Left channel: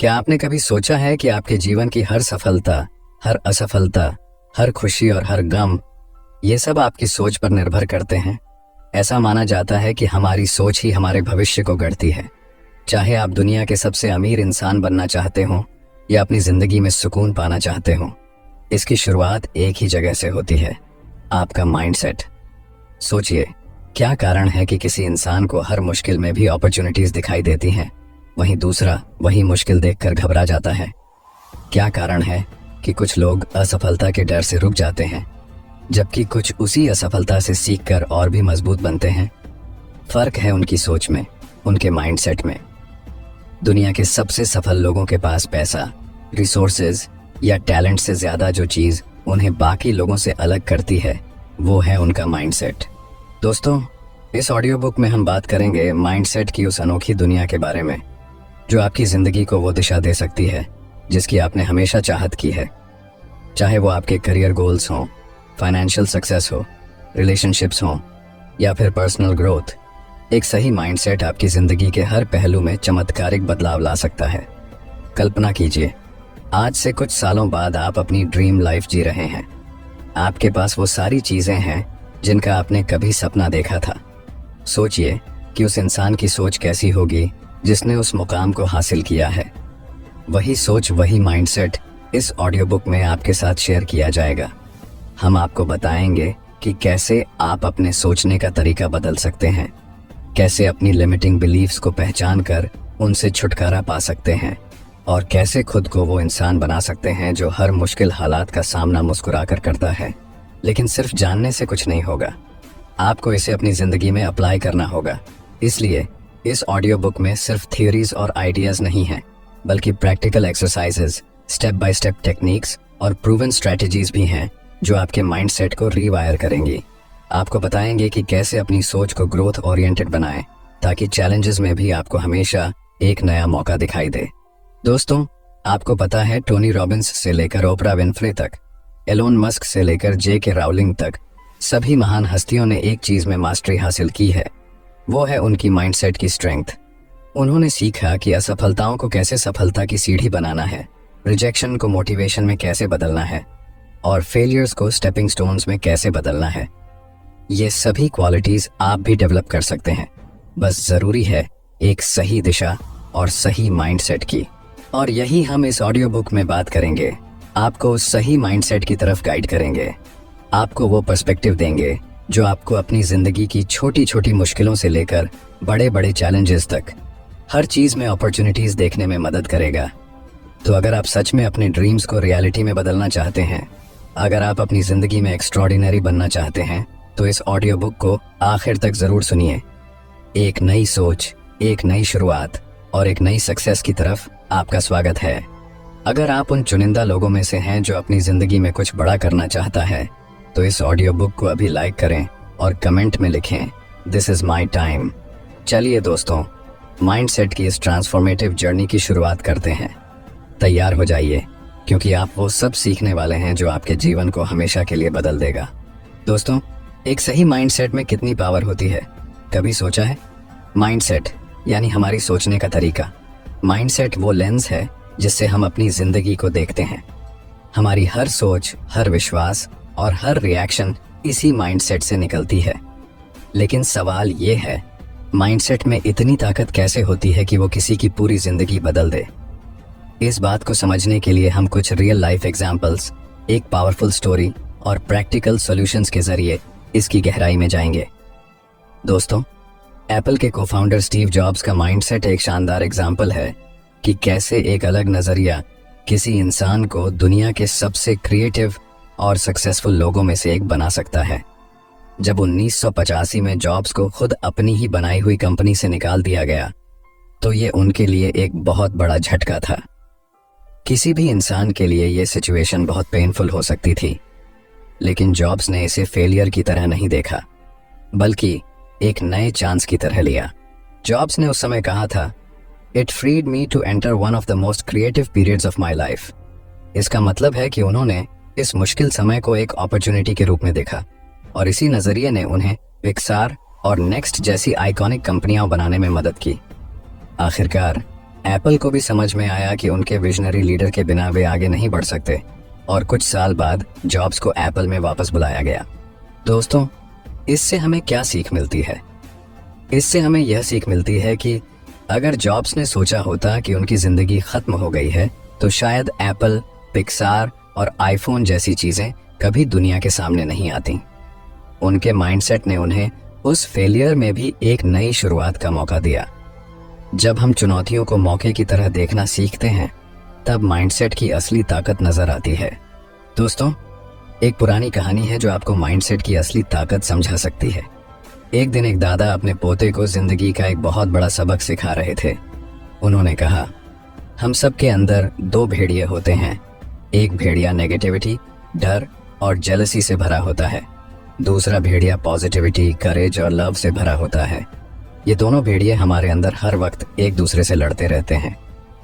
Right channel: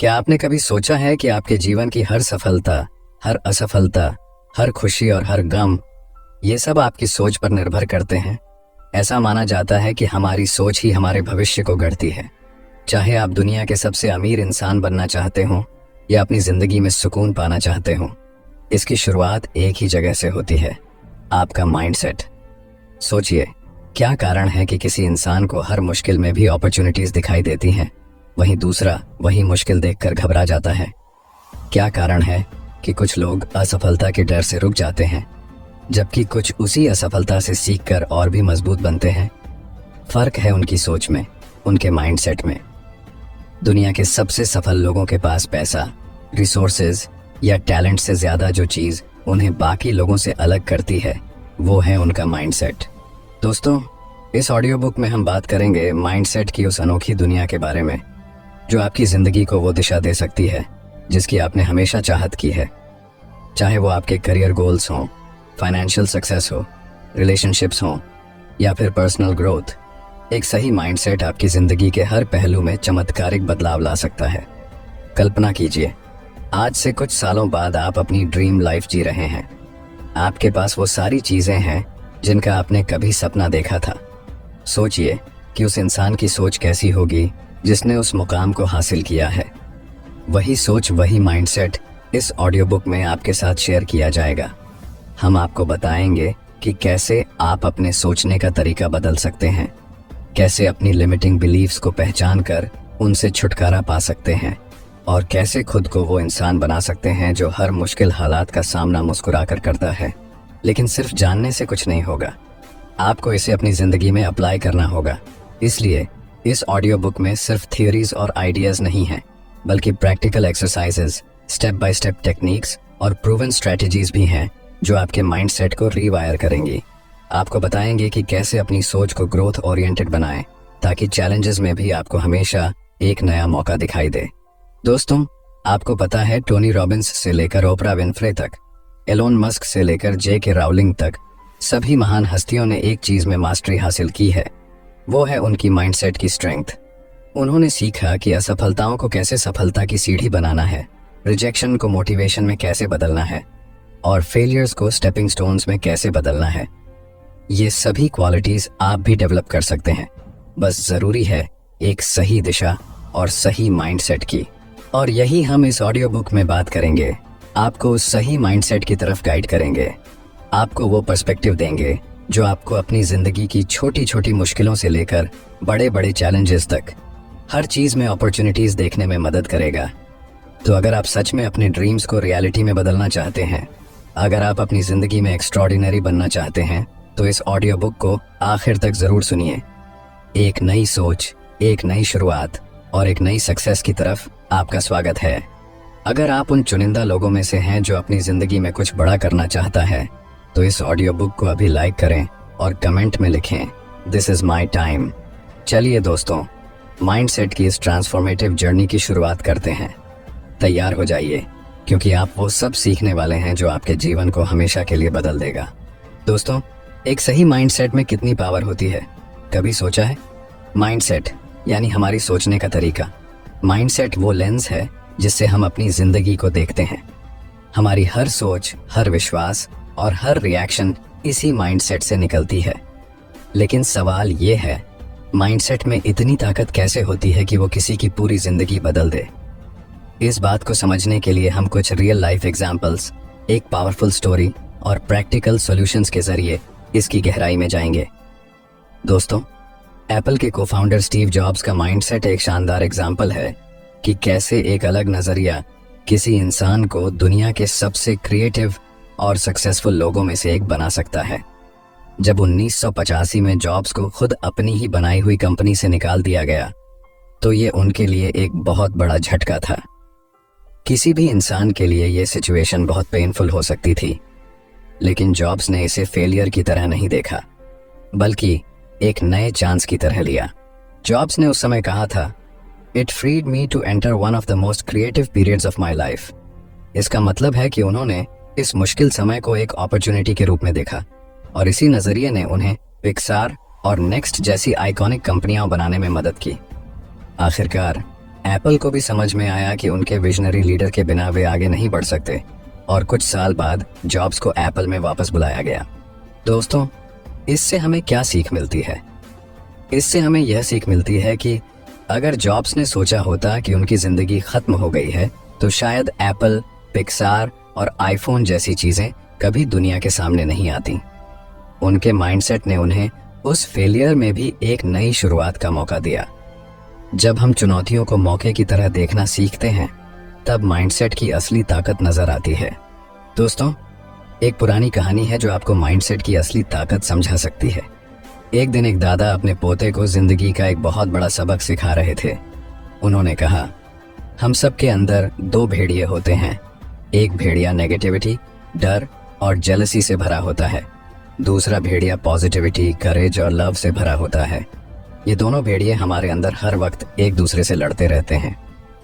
क्या आपने कभी सोचा है कि आपके जीवन की हर सफलता, हर असफलता, हर खुशी और हर गम, ये सब आपकी सोच पर निर्भर करते हैं। ऐसा माना जाता है कि हमारी सोच ही हमारे भविष्य को गढ़ती है। चाहे आप दुनिया के सबसे अमीर इंसान बनना चाहते हो या अपनी जिंदगी में सुकून पाना चाहते हो, इसकी शुरुआत एक ही जगह से होती है, आपका माइंडसेट। सोचिए, क्या कारण है कि किसी इंसान को हर मुश्किल में भी अपॉर्चुनिटीज दिखाई देती हैं, वहीं दूसरा वही मुश्किल देखकर घबरा जाता है? क्या कारण है कि कुछ लोग असफलता के डर से रुक जाते हैं, जबकि कुछ उसी असफलता से सीखकर और भी मजबूत बनते हैं? फर्क है उनकी सोच में, उनके माइंडसेट में। दुनिया के सबसे सफल लोगों के पास पैसा, रिसोर्सेज या टैलेंट से ज्यादा जो चीज उन्हें बाकी लोगों से अलग करती है, वो है उनका माइंडसेट। दोस्तों, इस ऑडियो बुक में हम बात करेंगे माइंडसेट की उस अनोखी दुनिया के बारे में जो आपकी जिंदगी को वो दिशा दे सकती है जिसकी आपने हमेशा चाहत की है। चाहे वो आपके करियर गोल्स हों, फाइनेंशियल सक्सेस हो, रिलेशनशिप्स हों या फिर पर्सनल ग्रोथ, एक सही माइंडसेट आपकी जिंदगी के हर पहलू में चमत्कारिक बदलाव ला सकता है। कल्पना कीजिए, आज से कुछ सालों बाद आप अपनी ड्रीम लाइफ जी रहे हैं। आपके पास वो सारी चीजें हैं जिनका आपने कभी सपना देखा था। सोचिए कि उस इंसान की सोच कैसी होगी जिसने उस मुकाम को हासिल किया है। वही सोच, वही माइंडसेट इस ऑडियो बुक में आपके साथ शेयर किया जाएगा। हम आपको बताएंगे कि कैसे आप अपने सोचने का तरीका बदल सकते हैं, कैसे अपनी लिमिटिंग बिलीफ्स को पहचान कर उनसे छुटकारा पा सकते हैं और कैसे खुद को वो इंसान बना सकते हैं जो हर मुश्किल हालात का सामना मुस्कुरा कर करता है। लेकिन सिर्फ जानने से कुछ नहीं होगा, आपको इसे अपनी जिंदगी में अप्लाई करना होगा। इसलिए इस ऑडियो बुक में सिर्फ थ्योरीज और आइडियाज नहीं हैं, बल्कि practical exercises, step by step techniques और प्रूवन स्ट्रेटजीज भी हैं जो आपके माइंडसेट को रीवायर करेंगी। आपको बताएंगे कि कैसे अपनी सोच को ग्रोथ ओरिएंटेड बनाएं ताकि चैलेंजेस में भी आपको हमेशा एक नया मौका दिखाई दे। दोस्तों, आपको पता है टोनी रॉबिन्स से लेकर ओपरा विनफ्रे तक, एलोन मस्क से लेकर जे.के. राउलिंग तक, सभी महान हस्तियों ने एक चीज में मास्टरी हासिल की है, वो है उनकी माइंडसेट की स्ट्रेंथ। उन्होंने सीखा कि असफलताओं को कैसे सफलता की सीढ़ी बनाना है, रिजेक्शन को मोटिवेशन में कैसे बदलना है और फेलियर्स को स्टेपिंग स्टोन्स में कैसे बदलना है। ये सभी क्वालिटीज आप भी डेवलप कर सकते हैं, बस जरूरी है एक सही दिशा और सही माइंडसेट की। और यही हम इस ऑडियो बुक में बात करेंगे। आपको उस सही माइंडसेट की तरफ गाइड करेंगे, आपको वो पर्सपेक्टिव देंगे जो आपको अपनी जिंदगी की छोटी छोटी मुश्किलों से लेकर बड़े बड़े चैलेंजेस तक हर चीज में अपॉर्चुनिटीज देखने में मदद करेगा। तो अगर आप सच में अपने ड्रीम्स को रियलिटी में बदलना चाहते हैं, अगर आप अपनी जिंदगी में एक्स्ट्रॉर्डिनरी बनना चाहते हैं, तो इस ऑडियो बुक को आखिर तक जरूर सुनिए। एक नई सोच, एक नई शुरुआत और एक नई सक्सेस की तरफ आपका स्वागत है। अगर आप उन चुनिंदा लोगों में से हैं जो अपनी जिंदगी में कुछ बड़ा करना चाहता है, तो इस ऑडियो बुक को अभी लाइक करें और कमेंट में लिखें, दिस इज माई टाइम। चलिए दोस्तों, माइंडसेट की इस ट्रांसफॉर्मेटिव जर्नी की शुरुआत करते हैं। तैयार हो जाइए, क्योंकि आप वो सब सीखने वाले हैं जो आपके जीवन को हमेशा के लिए बदल देगा। दोस्तों, एक सही माइंडसेट में कितनी पावर होती है, कभी सोचा है? माइंडसेट यानी हमारी सोचने का तरीका। माइंडसेट वो लेंस है जिससे हम अपनी जिंदगी को देखते हैं। हमारी हर सोच, हर विश्वास और हर रिएक्शन इसी माइंडसेट से निकलती है। लेकिन सवाल ये है, माइंडसेट में इतनी ताकत कैसे होती है कि वो किसी की पूरी जिंदगी बदल दे? इस बात को समझने के लिए हम कुछ रियल लाइफ एग्जाम्पल्स, एक पावरफुल स्टोरी और प्रैक्टिकल सॉल्यूशंस के जरिए इसकी गहराई में जाएंगे। दोस्तों, एप्पल के को-फाउंडर स्टीव जॉब्स का माइंडसेट एक शानदार एग्जाम्पल है कि कैसे एक अलग नजरिया किसी इंसान को दुनिया के सबसे क्रिएटिव और सक्सेसफुल लोगों में से एक बना सकता है। जब 1985 में जॉब्स को खुद अपनी ही बनाई हुई कंपनी से निकाल दिया गया, तो ये उनके लिए एक बहुत बड़ा झटका था। किसी भी इंसान के लिए ये सिचुएशन बहुत पेनफुल हो सकती थी, लेकिन जॉब्स ने इसे फेलियर की तरह नहीं देखा, बल्कि एक नए चांस की तरह लिया। जॉब्स ने उस समय कहा था, it freed me to enter one of the most creative periods of my life. इसका मतलब है कि उन्होंने इस मुश्किल समय को एक अपॉर्चुनिटी के रूप में देखा और इसी नजरिए ने उन्हें पिक्सार और नेक्स्ट जैसी आइकॉनिक कंपनियां बनाने में मदद की। आखिरकार एप्पल को भी समझ में आया कि उनके विजनरी लीडर के बिना वे आगे नहीं बढ़ सकते और कुछ साल बाद जॉब्स को एप्पल में वापस बुलाया गया। दोस्तों, इससे हमें क्या सीख मिलती है? इससे हमें यह सीख मिलती है कि अगर जॉब्स ने सोचा होता कि उनकी जिंदगी खत्म हो गई है तो शायद एप्पल, पिक्सार और आईफोन जैसी चीजें कभी दुनिया के सामने नहीं आती। उनके माइंडसेट ने उन्हें उस फेलियर में भी एक नई शुरुआत का मौका दिया। जब हम चुनौतियों को मौके की तरह देखना सीखते हैं तब माइंडसेट की असली ताकत नजर आती है। दोस्तों, एक पुरानी कहानी है जो आपको माइंडसेट की असली ताकत समझा सकती है। एक दिन एक दादा अपने पोते को जिंदगी का एक बहुत बड़ा सबक सिखा रहे थे। उन्होंने कहा, हम सब के अंदर दो भेड़िए होते हैं। एक भेड़िया नेगेटिविटी, डर और जेलसी से भरा होता है। दूसरा भेड़िया पॉजिटिविटी, करेज और लव से भरा होता है। ये दोनों भेड़िए हमारे अंदर हर वक्त एक दूसरे से लड़ते रहते हैं।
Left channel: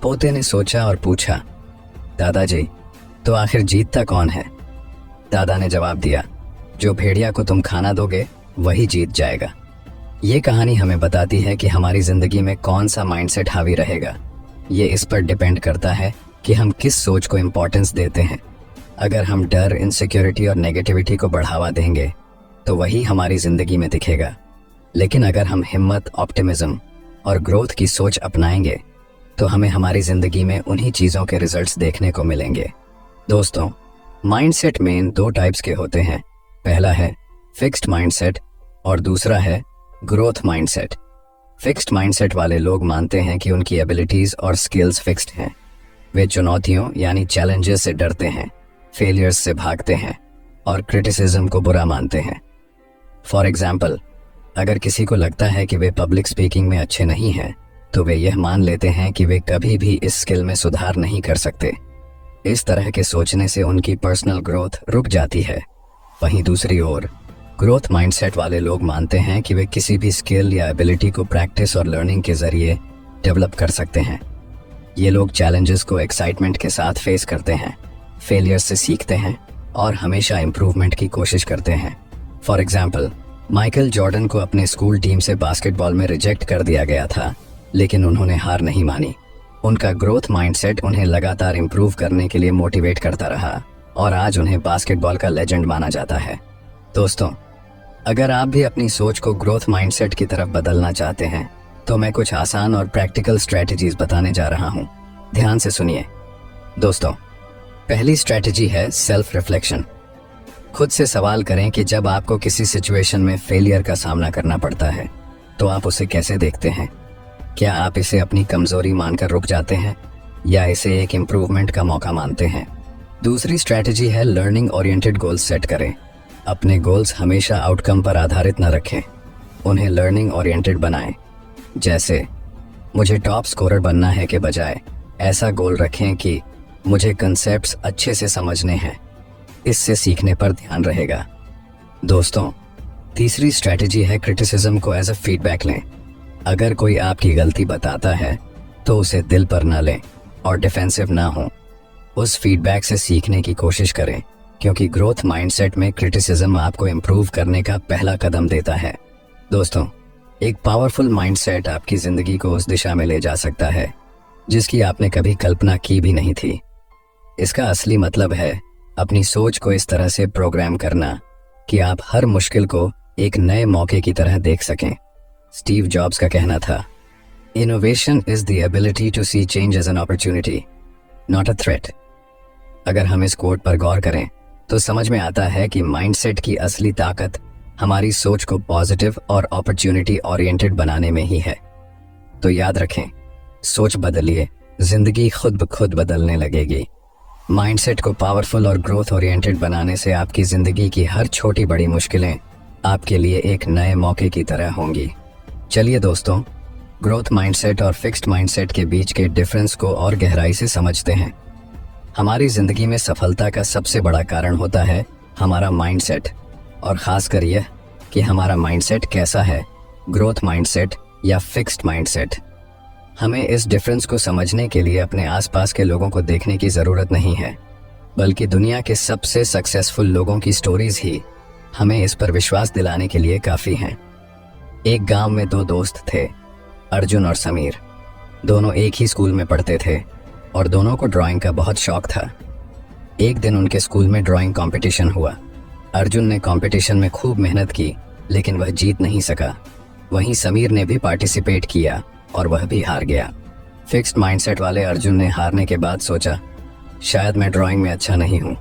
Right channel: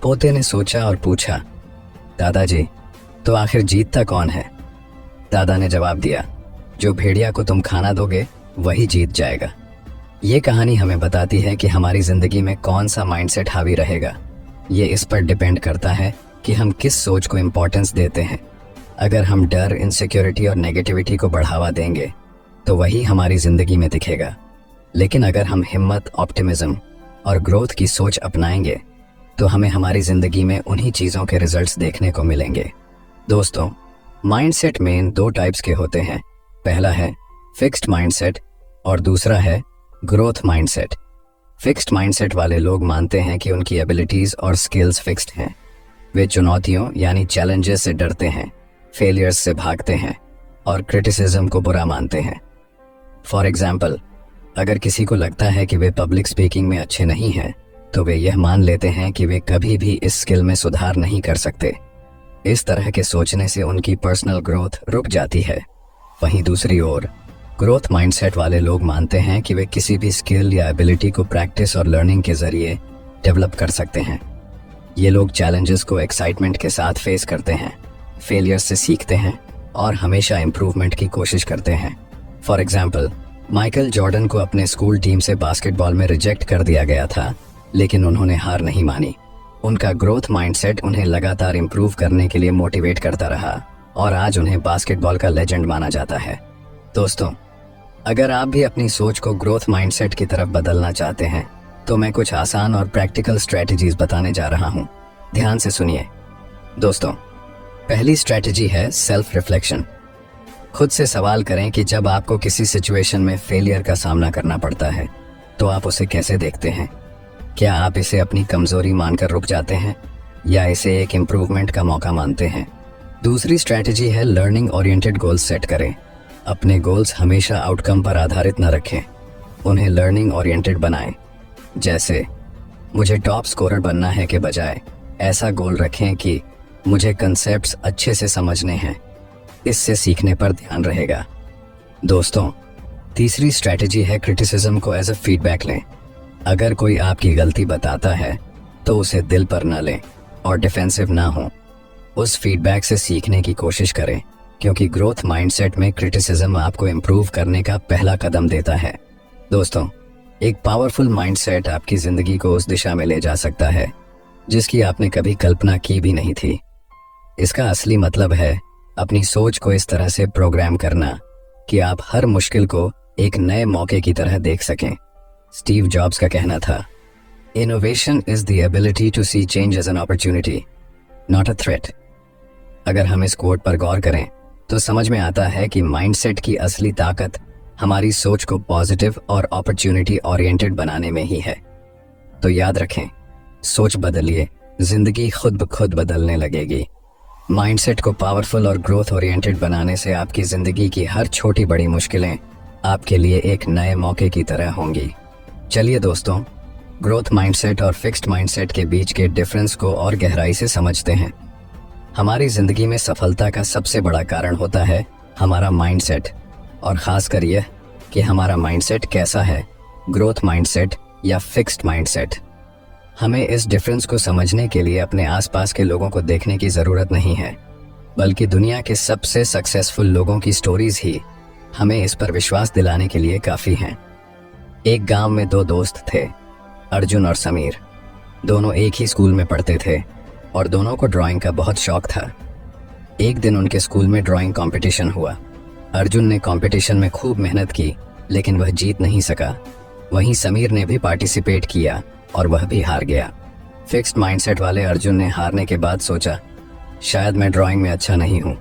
पोते ने सोचा और पूछा, दादाजी, तो आखिर जीतता कौन है? दादा ने जवाब दिया, जो भेड़िया को तुम खाना दोगे वही जीत जाएगा। ये कहानी हमें बताती है कि हमारी जिंदगी में कौन सा माइंडसेट हावी रहेगा। ये इस पर डिपेंड करता है कि हम किस सोच को इम्पोर्टेंस देते हैं। अगर हम डर, इनसिक्योरिटी और नेगेटिविटी को बढ़ावा देंगे तो वही हमारी जिंदगी में दिखेगा। लेकिन अगर हम हिम्मत, ऑप्टिमिज्म और ग्रोथ की सोच अपनाएंगे तो हमें हमारी जिंदगी में उन्हीं चीज़ों के रिजल्ट्स देखने को मिलेंगे। दोस्तों, माइंडसेट मेन दो टाइप्स के होते हैं। पहला है फिक्स्ड माइंडसेट और दूसरा है ग्रोथ माइंडसेट। फिक्स्ड माइंडसेट वाले लोग मानते हैं कि उनकी एबिलिटीज और स्किल्स फिक्स्ड हैं। वे चुनौतियों यानी चैलेंजेस से डरते हैं, फेलियर्स से भागते हैं और क्रिटिसिज्म को बुरा मानते हैं। फॉर एग्जाम्पल, अगर किसी को लगता है कि वे पब्लिक स्पीकिंग में अच्छे नहीं हैं तो वे यह मान लेते हैं कि वे कभी भी इस स्किल में सुधार नहीं कर सकते। इस तरह के सोचने से उनकी पर्सनल ग्रोथ रुक जाती है। वहीं दूसरी ओर ग्रोथ माइंडसेट वाले लोग मानते हैं कि वे किसी भी स्किल या एबिलिटी को प्रैक्टिस और लर्निंग के जरिए डेवलप कर सकते हैं। ये लोग चैलेंजेस को एक्साइटमेंट के साथ फेस करते हैं, फेलियर से सीखते हैं और हमेशा इम्प्रूवमेंट की कोशिश करते हैं। फॉर एग्जाम्पल, माइकल जॉर्डन को अपने स्कूल टीम से बास्केटबॉल में रिजेक्ट कर दिया गया था, लेकिन उन्होंने हार नहीं मानी। उनका ग्रोथ माइंडसेट उन्हें लगातार इम्प्रूव करने के लिए मोटिवेट करता रहा और आज उन्हें बास्केटबॉल का लेजेंड माना जाता है। दोस्तों, अगर आप भी अपनी सोच को ग्रोथ माइंडसेट की तरफ बदलना चाहते हैं तो मैं कुछ आसान और प्रैक्टिकल स्ट्रेटजीज बताने जा रहा हूँ। ध्यान से सुनिए। दोस्तों, पहली स्ट्रेटजी है सेल्फ रिफ्लेक्शन। खुद से सवाल करें कि जब आपको किसी सिचुएशन में फेलियर का सामना करना पड़ता है तो आप उसे कैसे देखते हैं। क्या आप इसे अपनी कमजोरी मानकर रुक जाते हैं या इसे एक इम्प्रूवमेंट का मौका मानते हैं। दूसरी स्ट्रेटजी है लर्निंग ओरिएंटेड गोल्स सेट करें। अपने गोल्स हमेशा आउटकम पर आधारित न रखें, उन्हें लर्निंग ओरिएंटेड बनाएं। जैसे मुझे टॉप स्कोरर बनना है के बजाय ऐसा गोल रखें कि मुझे कंसेप्ट्स अच्छे से समझने हैं। इससे सीखने पर ध्यान रहेगा। दोस्तों, तीसरी स्ट्रेटजी है क्रिटिसिज्म को एज अ फीडबैक लें। अगर कोई आपकी गलती बताता है तो उसे दिल पर न लें और डिफेंसिव ना हो। उस फीडबैक से सीखने की कोशिश करें, क्योंकि ग्रोथ माइंडसेट में क्रिटिसिज्म आपको इम्प्रूव करने का पहला कदम देता है। दोस्तों, एक पावरफुल माइंडसेट आपकी जिंदगी को उस दिशा में ले जा सकता है जिसकी आपने कभी कल्पना की भी नहीं थी। इसका असली मतलब है अपनी सोच को इस तरह से प्रोग्राम करना कि आप हर मुश्किल को एक नए मौके की तरह देख सकें। स्टीव जॉब्स का कहना था, innovation is the ability to see change as an opportunity, not a threat. अगर हम इस कोट पर गौर करें तो समझ में आता है कि माइंडसेट की असली ताकत हमारी सोच को पॉजिटिव और अपॉर्चुनिटी ओरिएंटेड बनाने में ही है। तो याद रखें, सोच बदलिए, जिंदगी खुद ब खुद बदलने लगेगी। माइंडसेट को पावरफुल और ग्रोथ ओरिएंटेड बनाने से आपकी जिंदगी की हर छोटी बड़ी मुश्किलें आपके लिए एक नए मौके की तरह होंगी। चलिए दोस्तों, ग्रोथ माइंडसेट और फिक्स्ड माइंडसेट के बीच के डिफरेंस को और गहराई से समझते हैं। हमारी जिंदगी में सफलता का सबसे बड़ा कारण होता है हमारा माइंडसेट, और खासकर यह कि हमारा माइंडसेट कैसा है, ग्रोथ माइंडसेट या फिक्स्ड माइंडसेट। हमें इस डिफरेंस को समझने के लिए अपने आसपास के लोगों को देखने की ज़रूरत नहीं है, बल्कि दुनिया के सबसे सक्सेसफुल लोगों की स्टोरीज ही हमें इस पर विश्वास दिलाने के लिए काफ़ी हैं। एक गांव में दो दोस्त थे, अर्जुन और समीर। दोनों एक ही स्कूल में पढ़ते थे और दोनों को ड्राइंग का बहुत शौक था। एक दिन उनके स्कूल में ड्राइंग कंपटीशन हुआ। अर्जुन ने कंपटीशन में खूब मेहनत की, लेकिन वह जीत नहीं सका। वहीं समीर ने भी पार्टिसिपेट किया और वह भी हार गया। फिक्स्ड माइंडसेट वाले अर्जुन ने हारने के बाद सोचा, शायद मैं ड्राइंग में अच्छा नहीं हूँ,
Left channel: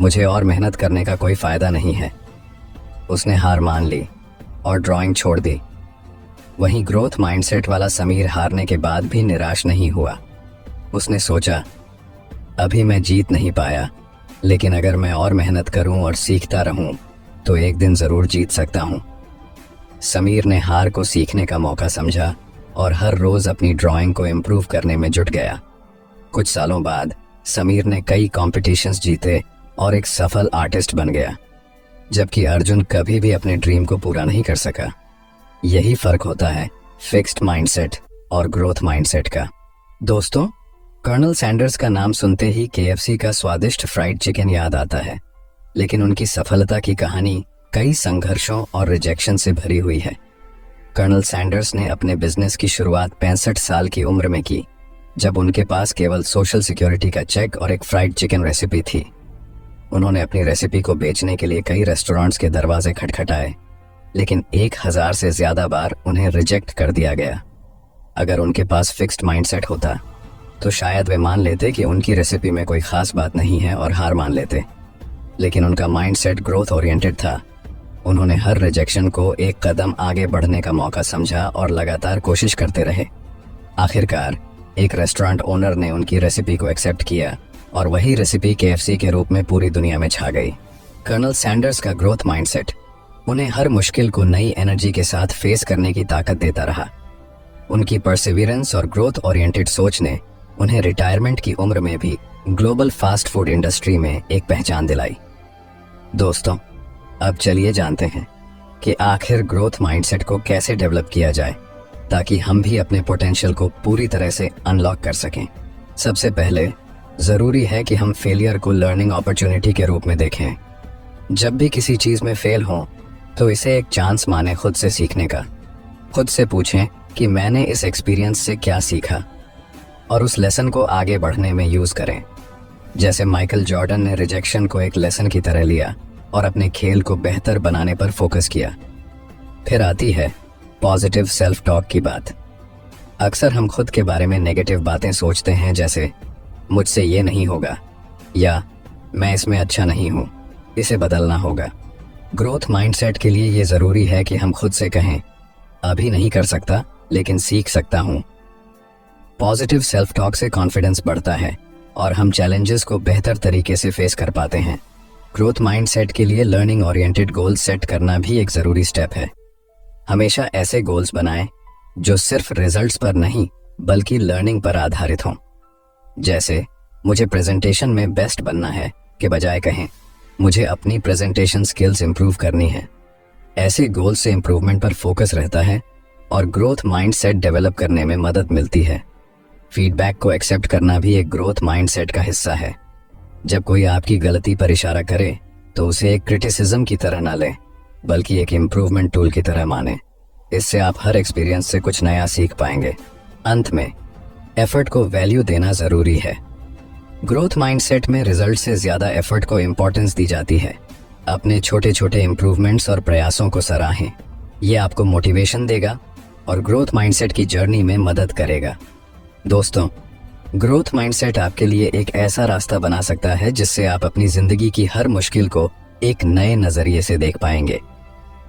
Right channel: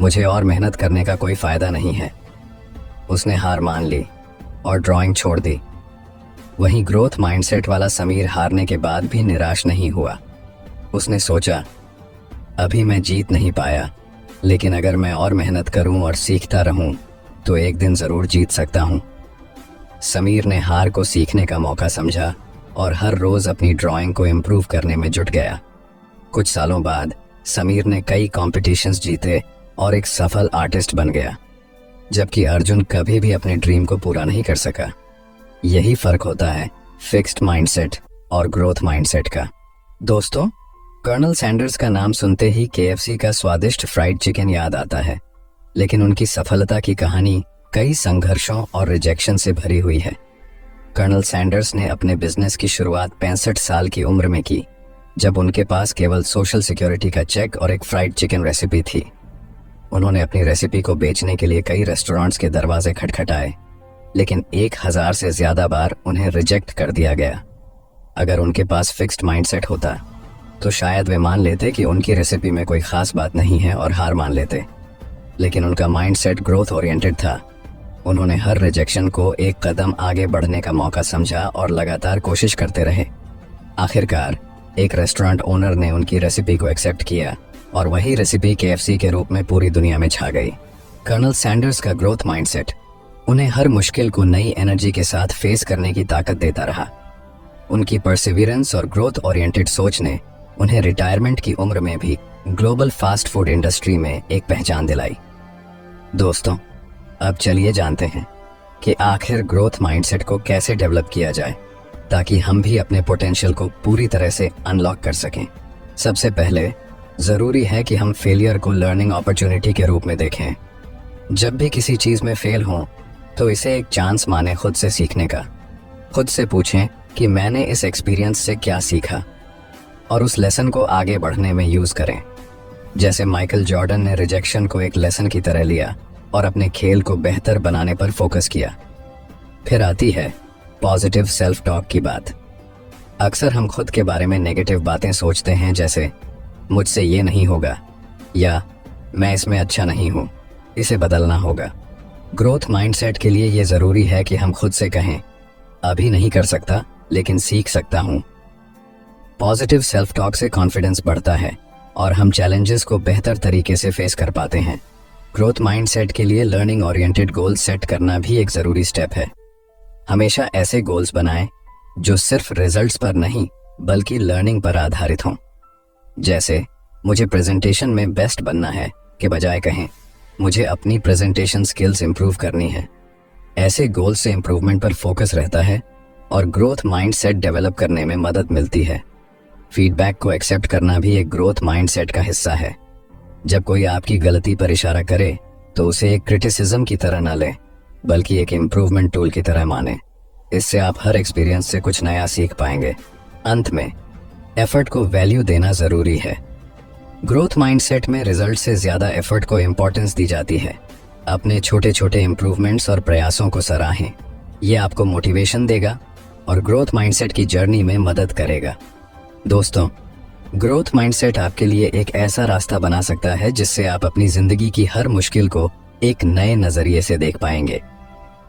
मुझे और मेहनत करने का कोई फायदा नहीं है। उसने हार मान ली और ड्राइंग छोड़ दी। वहीं ग्रोथ माइंडसेट वाला समीर हारने के बाद भी निराश नहीं हुआ। उसने सोचा, अभी मैं जीत नहीं पाया, लेकिन अगर मैं और मेहनत करूं और सीखता रहूं तो एक दिन जरूर जीत सकता हूं। समीर ने हार को सीखने का मौका समझा और हर रोज अपनी ड्राइंग को इम्प्रूव करने में जुट गया। कुछ सालों बाद समीर ने कई कॉम्पिटिशन्स जीते और एक सफल आर्टिस्ट बन गया, जबकि अर्जुन कभी भी अपने ड्रीम को पूरा नहीं कर सका। यही फर्क होता है फिक्स्ड माइंडसेट और ग्रोथ माइंडसेट का। दोस्तों, कर्नल सैंडर्स का नाम सुनते ही KFC का स्वादिष्ट फ्राइड चिकन याद आता है, लेकिन उनकी सफलता की कहानी कई संघर्षों और रिजेक्शन से भरी हुई है। कर्नल सैंडर्स ने अपने बिजनेस की शुरुआत 65 साल की उम्र में की, जब उनके पास केवल सोशल सिक्योरिटी का चेक और एक फ्राइड चिकन रेसिपी थी। उन्होंने अपनी रेसिपी को बेचने के लिए कई रेस्टोरेंट्स के दरवाजे खटखटाए, लेकिन 1000 से ज्यादा बार उन्हें रिजेक्ट कर दिया गया। अगर उनके पास फिक्स्ड माइंडसेट होता तो शायद वे मान लेते कि उनकी रेसिपी में कोई खास बात नहीं है और हार मान लेते, लेकिन उनका माइंडसेट ग्रोथ ओरिएंटेड था। उन्होंने हर रिजेक्शन को एक कदम आगे बढ़ने का मौका समझा और लगातार कोशिश करते रहे। आखिरकार एक रेस्टोरेंट ओनर ने उनकी रेसिपी को एक्सेप्ट किया और वही रेसिपी KFC के रूप में पूरी दुनिया में छा गई। कर्नल सैंडर्स का ग्रोथ माइंडसेट उन्हें हर मुश्किल को नई एनर्जी के साथ फेस करने की ताकत देता रहा। उनकी परसिवियरेंस और ग्रोथ ओरिएंटेड सोच ने उन्हें रिटायरमेंट की उम्र में भी ग्लोबल फास्ट फूड इंडस्ट्री में एक पहचान दिलाई। दोस्तों, अब चलिए जानते हैं कि आखिर ग्रोथ माइंडसेट को कैसे डेवलप किया जाए ताकि हम भी अपने पोटेंशियल को पूरी तरह से अनलॉक कर सकें। सबसे पहले जरूरी है कि हम फेलियर को लर्निंग अपॉर्चुनिटी के रूप में देखें। जब भी किसी चीज में फेल हों तो इसे एक चांस माने खुद से सीखने का। खुद से पूछें कि मैंने इस एक्सपीरियंस से क्या सीखा और उस लेसन को आगे बढ़ने में यूज करें। जैसे माइकल जॉर्डन ने रिजेक्शन को एक लेसन की तरह लिया और अपने खेल को बेहतर बनाने पर फोकस किया। फिर आती है पॉजिटिव सेल्फ टॉक की बात। अक्सर हम खुद के बारे में नेगेटिव बातें सोचते हैं, जैसे मुझसे ये नहीं होगा या मैं इसमें अच्छा नहीं हूँ, इसे बदलना होगा। ग्रोथ माइंडसेट के लिए ये जरूरी है कि हम खुद से कहें, अभी नहीं कर सकता लेकिन सीख सकता हूँ। पॉजिटिव सेल्फ टॉक से कॉन्फिडेंस बढ़ता है और हम चैलेंजेस को बेहतर तरीके से फेस कर पाते हैं। ग्रोथ माइंडसेट के लिए लर्निंग ओरिएंटेड गोल्स सेट करना भी एक जरूरी स्टेप है। हमेशा ऐसे गोल्स बनाएं जो सिर्फ रिजल्ट्स पर नहीं बल्कि लर्निंग पर आधारित हों। जैसे मुझे प्रेजेंटेशन में बेस्ट बनना है के बजाय कहें मुझे अपनी प्रेजेंटेशन स्किल्स इंप्रूव करनी है। ऐसे गोल से इंप्रूवमेंट पर फोकस रहता है और ग्रोथ माइंडसेट डेवलप करने में मदद मिलती है। फीडबैक को एक्सेप्ट करना भी एक ग्रोथ माइंडसेट का हिस्सा है। जब कोई आपकी गलती पर इशारा करे तो उसे एक क्रिटिसिज्म की तरह ना लें बल्कि एक इम्प्रूवमेंट टूल की तरह माने। इससे आप हर एक्सपीरियंस से कुछ नया सीख पाएंगे। अंत में एफर्ट को वैल्यू देना जरूरी है। ग्रोथ माइंडसेट में रिजल्ट से ज्यादा एफर्ट को इम्पोर्टेंस दी जाती है। अपने छोटे छोटे इम्प्रूवमेंट्स और प्रयासों को सराहें। ये आपको मोटिवेशन देगा और ग्रोथ माइंडसेट की जर्नी में मदद करेगा। दोस्तों, ग्रोथ माइंडसेट आपके लिए एक ऐसा रास्ता बना सकता है जिससे आप अपनी जिंदगी की हर मुश्किल को एक नए नजरिए से देख पाएंगे।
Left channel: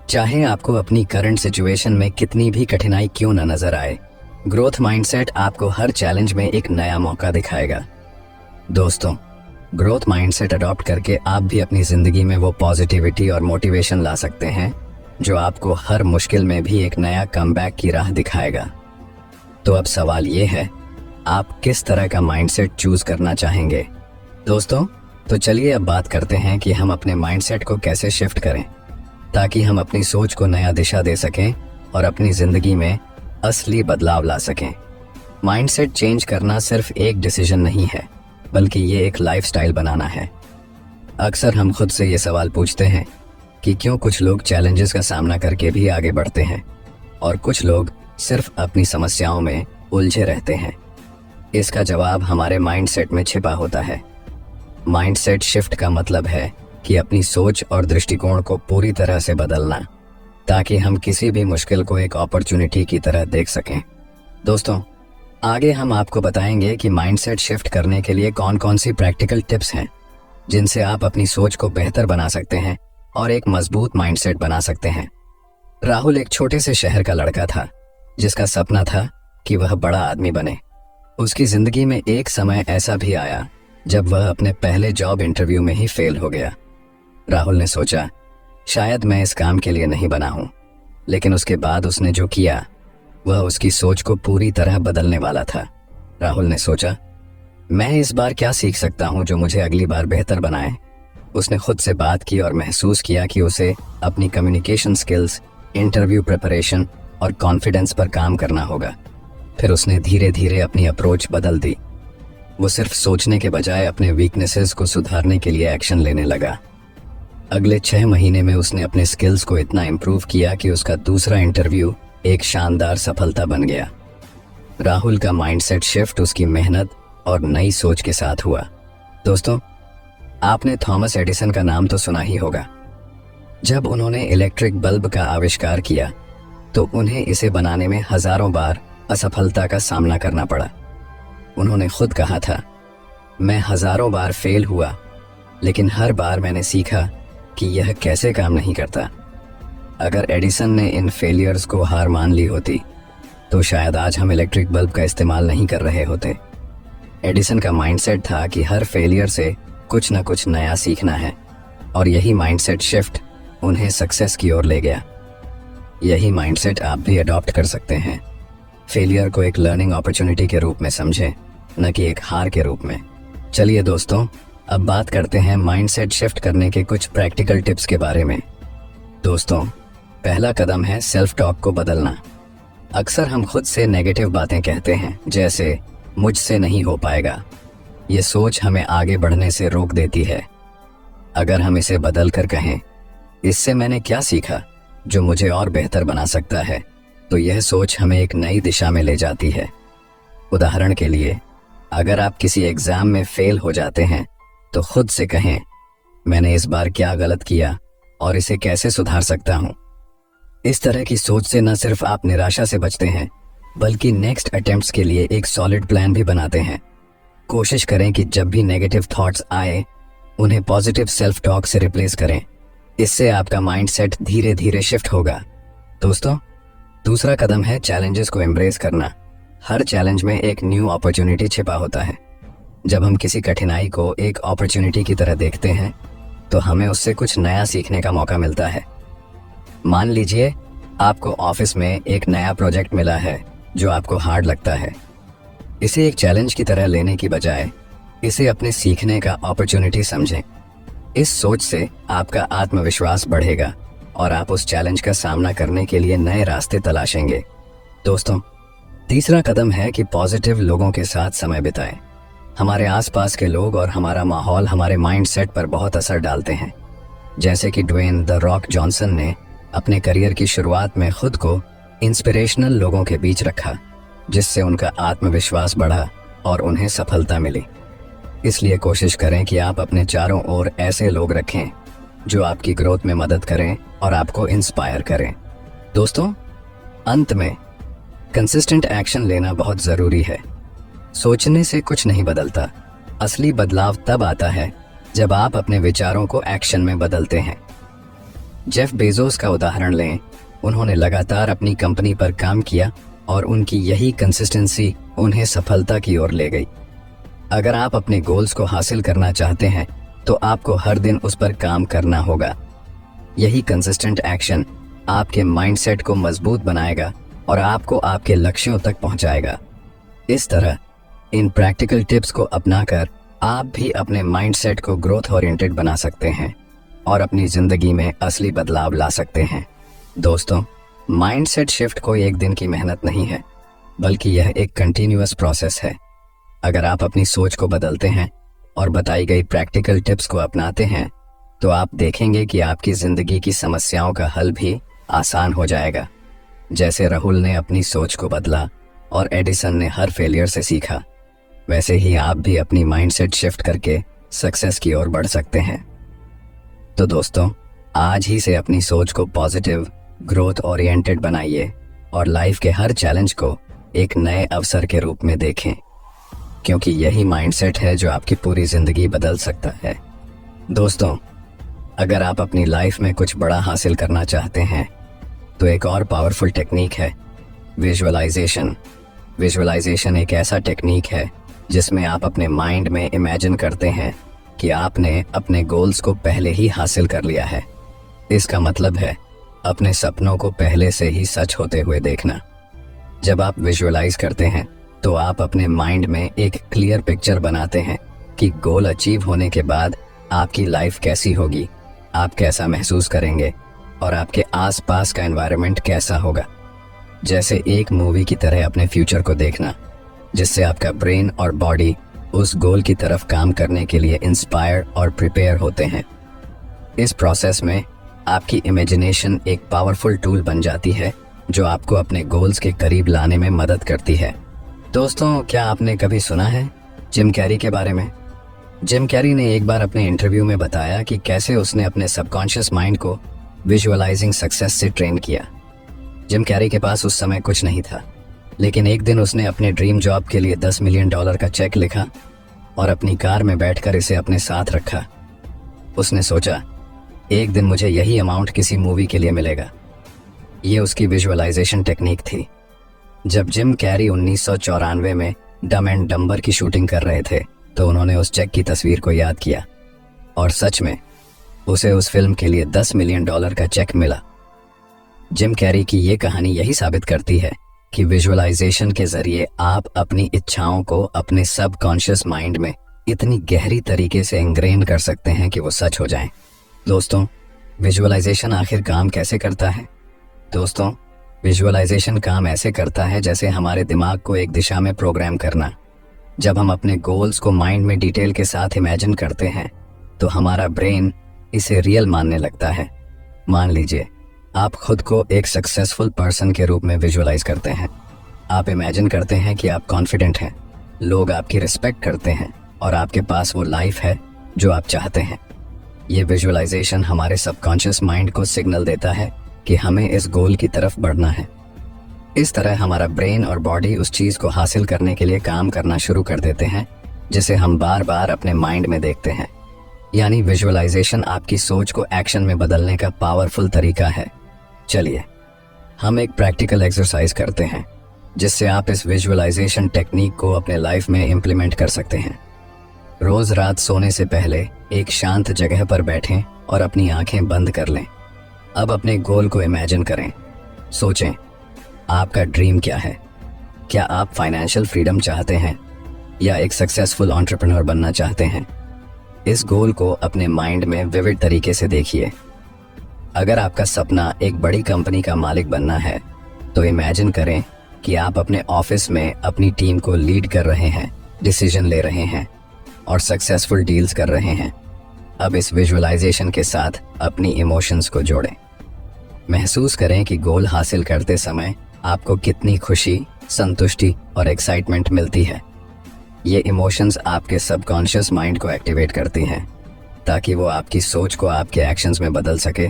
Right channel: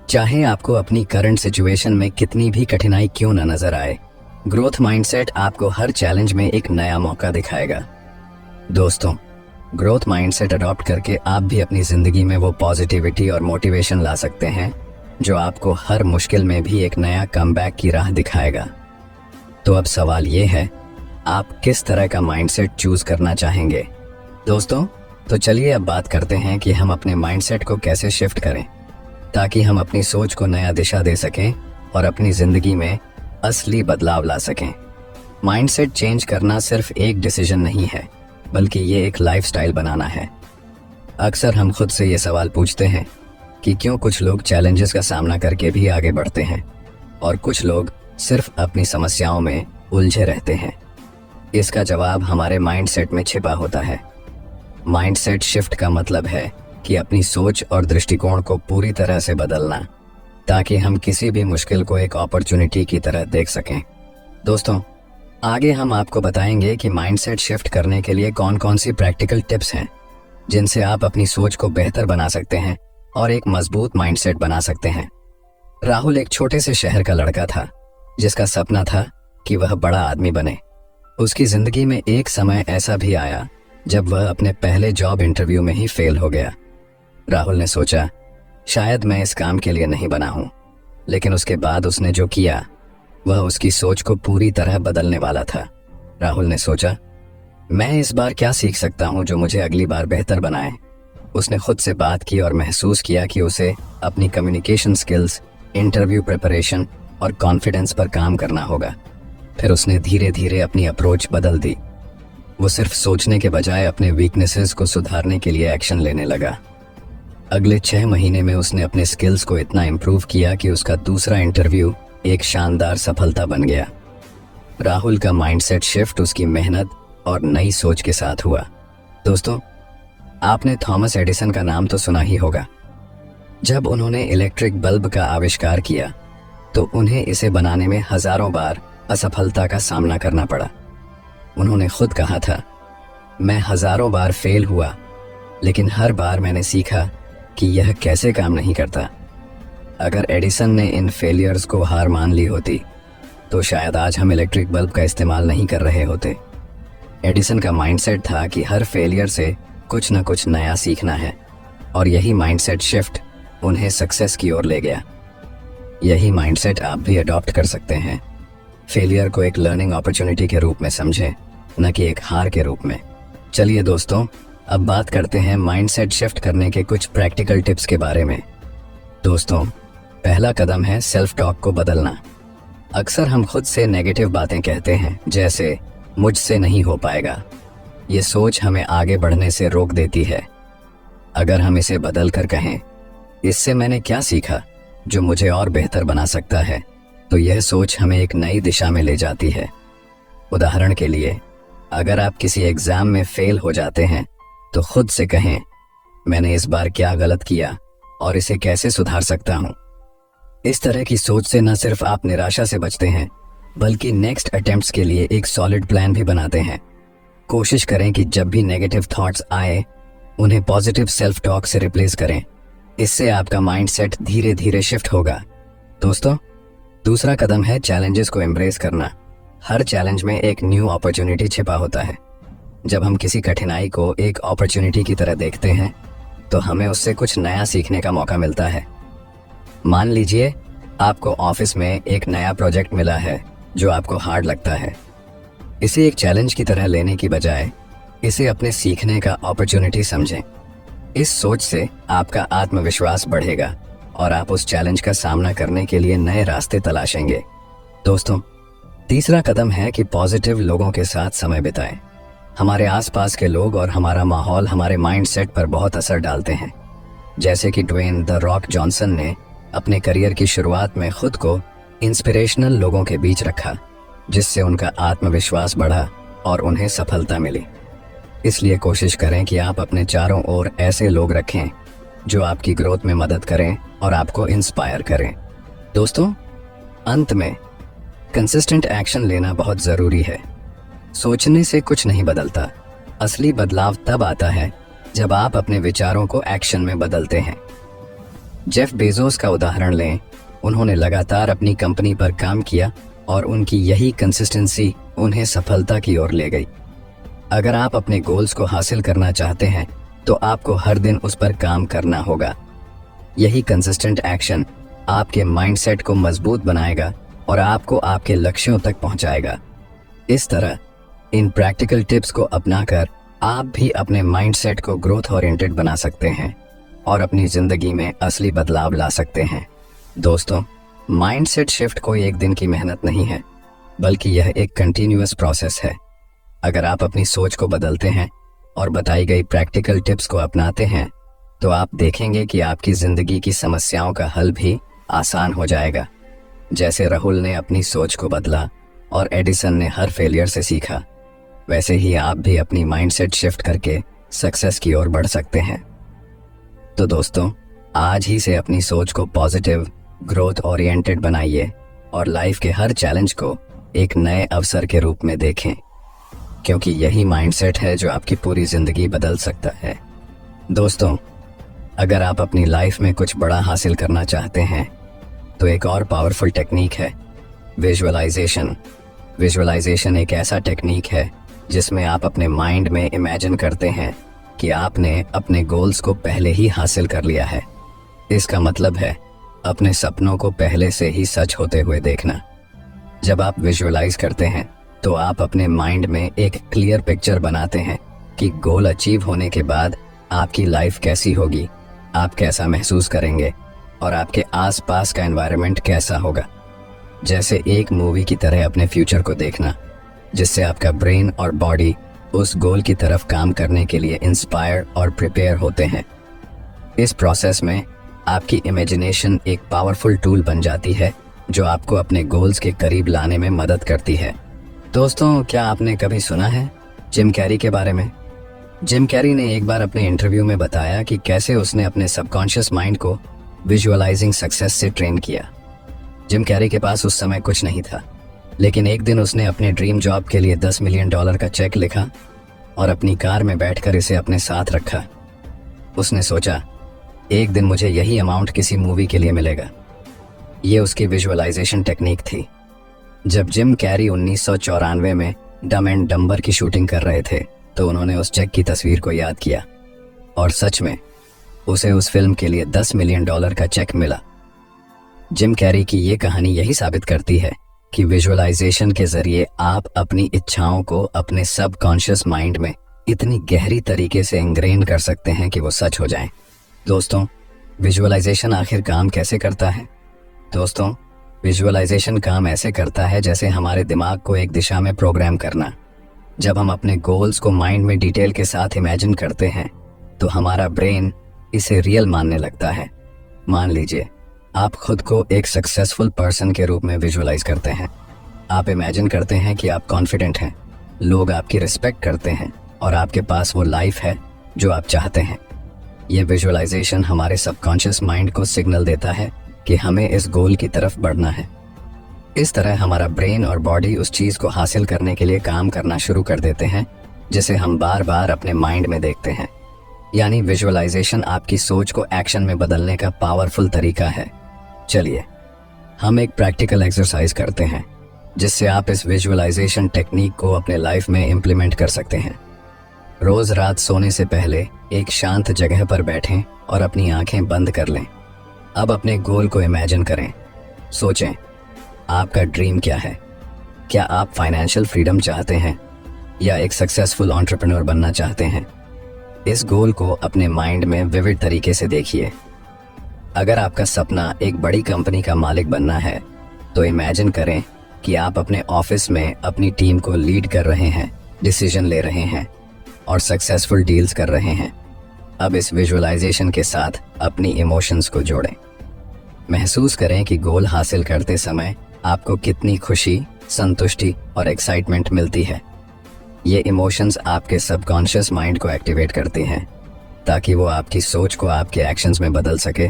चाहे आपको अपनी करंट सिचुएशन में कितनी भी कठिनाई क्यों न नजर आए, ग्रोथ माइंडसेट आपको हर चैलेंज में एक नया मौका दिखाएगा। दोस्तों, ग्रोथ माइंडसेट अडॉप्ट करके आप भी अपनी जिंदगी में वो पॉजिटिविटी और मोटिवेशन ला सकते हैं जो आपको हर मुश्किल में भी एक नया कमबैक की राह दिखाएगा। तो अब सवाल ये है, आप किस तरह का माइंडसेट चूज करना चाहेंगे? दोस्तों, तो चलिए अब बात करते हैं कि हम अपने माइंडसेट को कैसे शिफ्ट करें ताकि हम अपनी सोच को नया दिशा दे सकें और अपनी जिंदगी में असली बदलाव ला सकें। माइंडसेट चेंज करना सिर्फ एक डिसीजन नहीं है बल्कि ये एक लाइफस्टाइल बनाना है। अक्सर हम खुद से ये सवाल पूछते हैं कि क्यों कुछ लोग चैलेंजेस का सामना करके भी आगे बढ़ते हैं और कुछ लोग सिर्फ अपनी समस्याओं में उलझे रहते हैं? इसका जवाब हमारे माइंडसेट में छिपा होता है। माइंडसेट शिफ्ट का मतलब है कि अपनी सोच और दृष्टिकोण को पूरी तरह से बदलना, ताकि हम किसी भी मुश्किल को एक अपॉर्चुनिटी की तरह देख सकें। दोस्तों, आगे हम आपको बताएंगे कि माइंडसेट शिफ्ट करने के लिए कौन कौन सी प्रैक्टिकल टिप्स हैं जिनसे आप अपनी सोच को बेहतर बना सकते हैं और एक मजबूत माइंडसेट बना सकते हैं। राहुल एक छोटे से शहर का लड़का था जिसका सपना था कि वह बड़ा आदमी बने। उसकी जिंदगी में एक समय ऐसा भी आया जब वह अपने पहले जॉब इंटरव्यू में ही फेल हो गया। राहुल ने सोचा, शायद मैं इस काम के लिए नहीं बना हूं। लेकिन उसके बाद उसने जो किया वह उसकी सोच को पूरी तरह बदलने वाला था। राहुल ने सोचा, मैं इस बार क्या सीख सकता हूं जो मुझे अगली बार बेहतर बनाए। उसने खुद से बात की और महसूस किया कि उसे अपनी कम्युनिकेशन स्किल्स, इंटरव्यू प्रिपरेशन और कॉन्फिडेंस पर काम करना होगा। फिर उसने धीरे धीरे अपनी अप्रोच बदल दी। वो सिर्फ सोचने के बजाय अपने वीकनेसेस को सुधारने के लिए एक्शन लेने लगा। अगले 6 महीने में उसने अपने स्किल्स को इतना इम्प्रूव किया कि उसका दूसरा इंटरव्यू एक शानदार सफलता बन गया। राहुल का माइंडसेट शिफ्ट उसकी मेहनत और नई सोच के साथ हुआ। दोस्तों, आपने थॉमस एडिसन का नाम तो सुना ही होगा। जब उन्होंने इलेक्ट्रिक बल्ब का आविष्कार किया तो उन्हें इसे बनाने में हजारों बार असफलता का सामना करना पड़ा। उन्होंने खुद कहा था, मैं हजारों बार फेल हुआ, लेकिन हर बार मैंने सीखा कि यह कैसे काम नहीं करता। अगर एडिसन ने इन फेलियर्स को हार मान ली होती तो शायद आज हम इलेक्ट्रिक बल्ब का इस्तेमाल नहीं कर रहे होते। एडिसन का माइंडसेट था कि हर फेलियर से कुछ न कुछ नया सीखना है, और यही माइंडसेट शिफ्ट उन्हें सक्सेस की ओर ले गया। यही माइंडसेट आप भी अडॉप्ट कर सकते हैं। फेलियर को एक लर्निंग अपॉर्चुनिटी के रूप में समझें, न कि एक हार के रूप में। चलिए दोस्तों, अब बात करते हैं माइंडसेट शिफ्ट करने के कुछ प्रैक्टिकल टिप्स के बारे में। दोस्तों, पहला कदम है सेल्फ टॉक को बदलना। अक्सर हम खुद से नेगेटिव बातें कहते हैं, जैसे मुझसे नहीं हो पाएगा। ये सोच हमें आगे बढ़ने से रोक देती है। अगर हम इसे बदल कर कहें, इससे मैंने क्या सीखा जो मुझे और बेहतर बना सकता है, तो यह सोच हमें एक नई दिशा में ले जाती है। उदाहरण के लिए, अगर आप किसी एग्जाम में फेल हो जाते हैं तो खुद से कहें, मैंने इस बार क्या गलत किया और इसे कैसे सुधार सकता हूं। इस तरह की सोच से न सिर्फ आप निराशा से बचते हैं, बल्कि नेक्स्ट अटेम्प्ट्स के लिए एक सॉलिड प्लान भी बनाते हैं। कोशिश करें कि जब भी नेगेटिव थॉट्स आए, उन्हें पॉजिटिव सेल्फ टॉक से रिप्लेस करें। इससे आपका माइंडसेट धीरे धीरे शिफ्ट होगा। दोस्तों, दूसरा कदम है चैलेंजेस को एम्ब्रेस करना। हर चैलेंज में एक न्यू अपॉर्चुनिटी छिपा होता है। जब हम किसी कठिनाई को एक अपॉर्चुनिटी की तरह देखते हैं तो हमें उससे कुछ नया सीखने का मौका मिलता है। मान लीजिए आपको ऑफिस में एक नया प्रोजेक्ट मिला है जो आपको हार्ड लगता है। इसे एक चैलेंज की तरह लेने की बजाय इसे अपने सीखने का अपॉर्चुनिटी समझें। इस सोच से आपका आत्मविश्वास बढ़ेगा और आप उस चैलेंज का सामना करने के लिए नए रास्ते तलाशेंगे। दोस्तों, तीसरा कदम है कि पॉजिटिव लोगों के साथ समय बिताएं। हमारे आसपास के लोग और हमारा माहौल हमारे माइंडसेट पर बहुत असर डालते हैं। जैसे कि ड्वेन द रॉक जॉनसन ने अपने करियर की शुरुआत में खुद को इंस्पिरेशनल लोगों के बीच रखा, जिससे उनका आत्मविश्वास बढ़ा और उन्हें सफलता मिली। इसलिए कोशिश करें कि आप अपने चारों ओर ऐसे लोग रखें जो आपकी ग्रोथ में मदद करें और आपको इंस्पायर करें। दोस्तों, अंत में कंसिस्टेंट एक्शन लेना बहुत ज़रूरी है। सोचने से कुछ नहीं बदलता। असली बदलाव तब आता है जब आप अपने विचारों को एक्शन में बदलते हैं। जेफ बेजोस का उदाहरण लें। उन्होंने लगातार अपनी कंपनी पर काम किया और उनकी यही कंसिस्टेंसी उन्हें सफलता की ओर ले गई। अगर आप अपने गोल्स को हासिल करना चाहते हैं तो आपको हर दिन उस पर काम करना होगा। यही कंसिस्टेंट एक्शन आपके माइंडसेट को मजबूत बनाएगा और आपको आपके लक्ष्यों तक पहुंचाएगा। इस तरह इन प्रैक्टिकल टिप्स को अपनाकर आप भी अपने माइंडसेट को ग्रोथ ओरिएंटेड बना सकते हैं और अपनी जिंदगी में असली बदलाव ला सकते हैं। दोस्तों, माइंडसेट शिफ्ट कोई एक दिन की मेहनत नहीं है, बल्कि यह एक कंटिन्यूअस प्रोसेस है। अगर आप अपनी सोच को बदलते हैं और बताई गई प्रैक्टिकल टिप्स को अपनाते हैं तो आप देखेंगे कि आपकी जिंदगी की समस्याओं का हल भी आसान हो जाएगा। जैसे राहुल ने अपनी सोच को बदला, और एडिसन ने हर फेलियर से सीखा, वैसे ही आप भी अपनी माइंडसेट शिफ्ट करके सक्सेस की ओर बढ़ सकते हैं। तो दोस्तों, आज ही से अपनी सोच को पॉजिटिव, ग्रोथ ओरिएंटेड बनाइए और लाइफ के हर चैलेंज को एक नए अवसर के रूप में देखें, क्योंकि यही माइंडसेट है जो आपकी पूरी जिंदगी बदल सकता है। दोस्तों, अगर आप अपनी लाइफ में कुछ बड़ा हासिल करना चाहते हैं तो एक और पावरफुल टेक्निक है विजुअलाइजेशन। विजुअलाइजेशन एक ऐसा टेक्निक है जिसमें आप अपने माइंड में इमेजिन करते हैं कि आपने अपने गोल्स को पहले ही हासिल कर लिया है। इसका मतलब है अपने सपनों को पहले से ही सच होते हुए देखना। जब आप विजुअलाइज करते हैं तो आप अपने माइंड में एक क्लियर पिक्चर बनाते हैं कि गोल अचीव होने के बाद आपकी लाइफ कैसी होगी, आप कैसा महसूस करेंगे और आपके आसपास का एनवायरनमेंट कैसा होगा। जैसे एक मूवी की तरह अपने फ्यूचर को देखना, जिससे आपका ब्रेन और बॉडी उस गोल की तरफ काम करने के लिए इंस्पायर और प्रिपेयर होते हैं। इस प्रोसेस में आपकी इमेजिनेशन एक पावरफुल टूल बन जाती है जो आपको अपने गोल्स के करीब लाने में मदद करती है। दोस्तों, क्या आपने कभी सुना है जिम कैरी के बारे में? जिम कैरी ने एक बार अपने इंटरव्यू में बताया कि कैसे उसने अपने सबकॉन्शियस माइंड को विजुअलाइजिंग सक्सेस से ट्रेन किया। जिम कैरी के पास उस समय कुछ नहीं था, लेकिन एक दिन उसने अपने ड्रीम जॉब के लिए $10 मिलियन का चेक लिखा और अपनी कार में बैठकर इसे अपने साथ रखा। उसने सोचा, एक दिन मुझे यही अमाउंट किसी मूवी के लिए मिलेगा। ये उसकी विजुअलाइजेशन टेक्निक थी। जब जिम कैरी 1994 में डम एंड डम्बर की शूटिंग कर रहे थे तो उन्होंने उस चेक की तस्वीर को याद किया और सच में उसे उस फिल्म के लिए $10 मिलियन का चेक मिला। जिम कैरी की ये कहानी यही साबित करती है कि विजुअलाइजेशन के जरिए आप अपनी इच्छाओं को अपने सबकॉन्शियस माइंड में इतनी गहरी तरीके से इंग्रेन कर सकते हैं कि वो सच हो जाएं। दोस्तों, विजुअलाइजेशन आखिर काम कैसे करता है? दोस्तों, विजुअलाइजेशन काम ऐसे करता है जैसे हमारे दिमाग को एक दिशा में प्रोग्राम करना। जब हम अपने गोल्स को माइंड में डिटेल के साथ इमेजिन करते हैं तो हमारा ब्रेन इसे रियल मानने लगता है। मान लीजिए आप खुद को एक सक्सेसफुल पर्सन के रूप में विजुअलाइज करते हैं। आप इमेजिन करते हैं कि आप कॉन्फिडेंट हैं, लोग आपकी रिस्पेक्ट करते हैं और आपके पास वो लाइफ है जो आप चाहते हैं। ये विजुअलाइजेशन हमारे सबकॉन्शियस माइंड को सिग्नल देता है कि हमें इस गोल की तरफ बढ़ना है। इस तरह हमारा ब्रेन और बॉडी उस चीज़ को हासिल करने के लिए काम करना शुरू कर देते हैं जिसे हम बार बार अपने माइंड में देखते हैं। यानी विजुअलाइजेशन आपकी सोच को एक्शन में बदलने का पावरफुल तरीका है। चलिए हम एक प्रैक्टिकल एक्सरसाइज करते हैं जिससे आप इस विजुअलाइजेशन टेक्निक को अपने लाइफ में इम्प्लीमेंट कर सकते हैं। रोज रात सोने से पहले एक शांत जगह पर बैठें और अपनी आंखें बंद कर लें। अब अपने गोल को इमेजिन करें। सोचें, आपका ड्रीम क्या है? क्या आप फाइनेंशियल फ्रीडम चाहते हैं या एक सक्सेसफुल एंटरप्रेन्योर बनना चाहते हैं? इस गोल को अपने माइंड में विविड तरीके से देखिए। अगर आपका सपना एक बड़ी कंपनी का मालिक बनना है तो इमेजिन करें कि आप अपने ऑफिस में अपनी टीम को लीड कर रहे हैं, डिसीजन ले रहे हैं और सक्सेसफुल डील्स कर रहे हैं। अब इस विजुअलाइजेशन के साथ अपनी इमोशंस को जोड़ें। महसूस करें कि गोल हासिल करते समय आपको कितनी खुशी, संतुष्टि और एक्साइटमेंट मिलती है। ये इमोशंस आपके सबकॉन्शियस माइंड को एक्टिवेट करती हैं ताकि वो आपकी सोच को आपके एक्शंस में बदल सके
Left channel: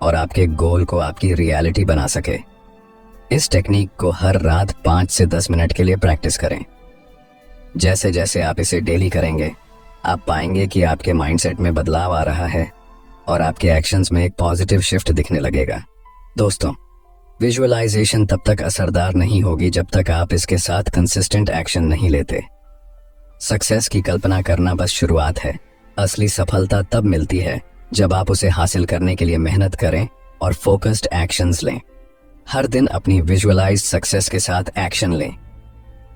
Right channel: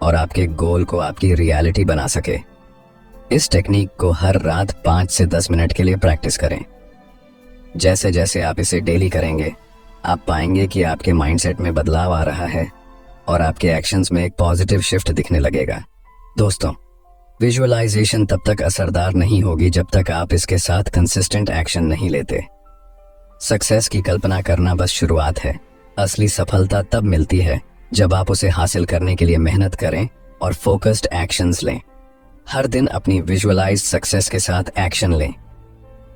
और आपके गोल को आपकी रियलिटी बना सके। इस टेक्निक को हर रात 5 से 10 मिनट के लिए प्रैक्टिस करें। जैसे जैसे आप इसे डेली करेंगे, आप पाएंगे कि आपके माइंडसेट में बदलाव आ रहा है और आपके एक्शंस में एक पॉजिटिव शिफ्ट दिखने लगेगा। दोस्तों, विजुअलाइजेशन तब तक असरदार नहीं होगी जब तक आप इसके साथ कंसिस्टेंट एक्शन नहीं लेते। सक्सेस की कल्पना करना बस शुरुआत है। असली सफलता तब मिलती है जब आप उसे हासिल करने के लिए मेहनत करें और फोकस्ड एक्शंस लें। हर दिन अपनी विजुअलाइज्ड सक्सेस के साथ एक्शन लें।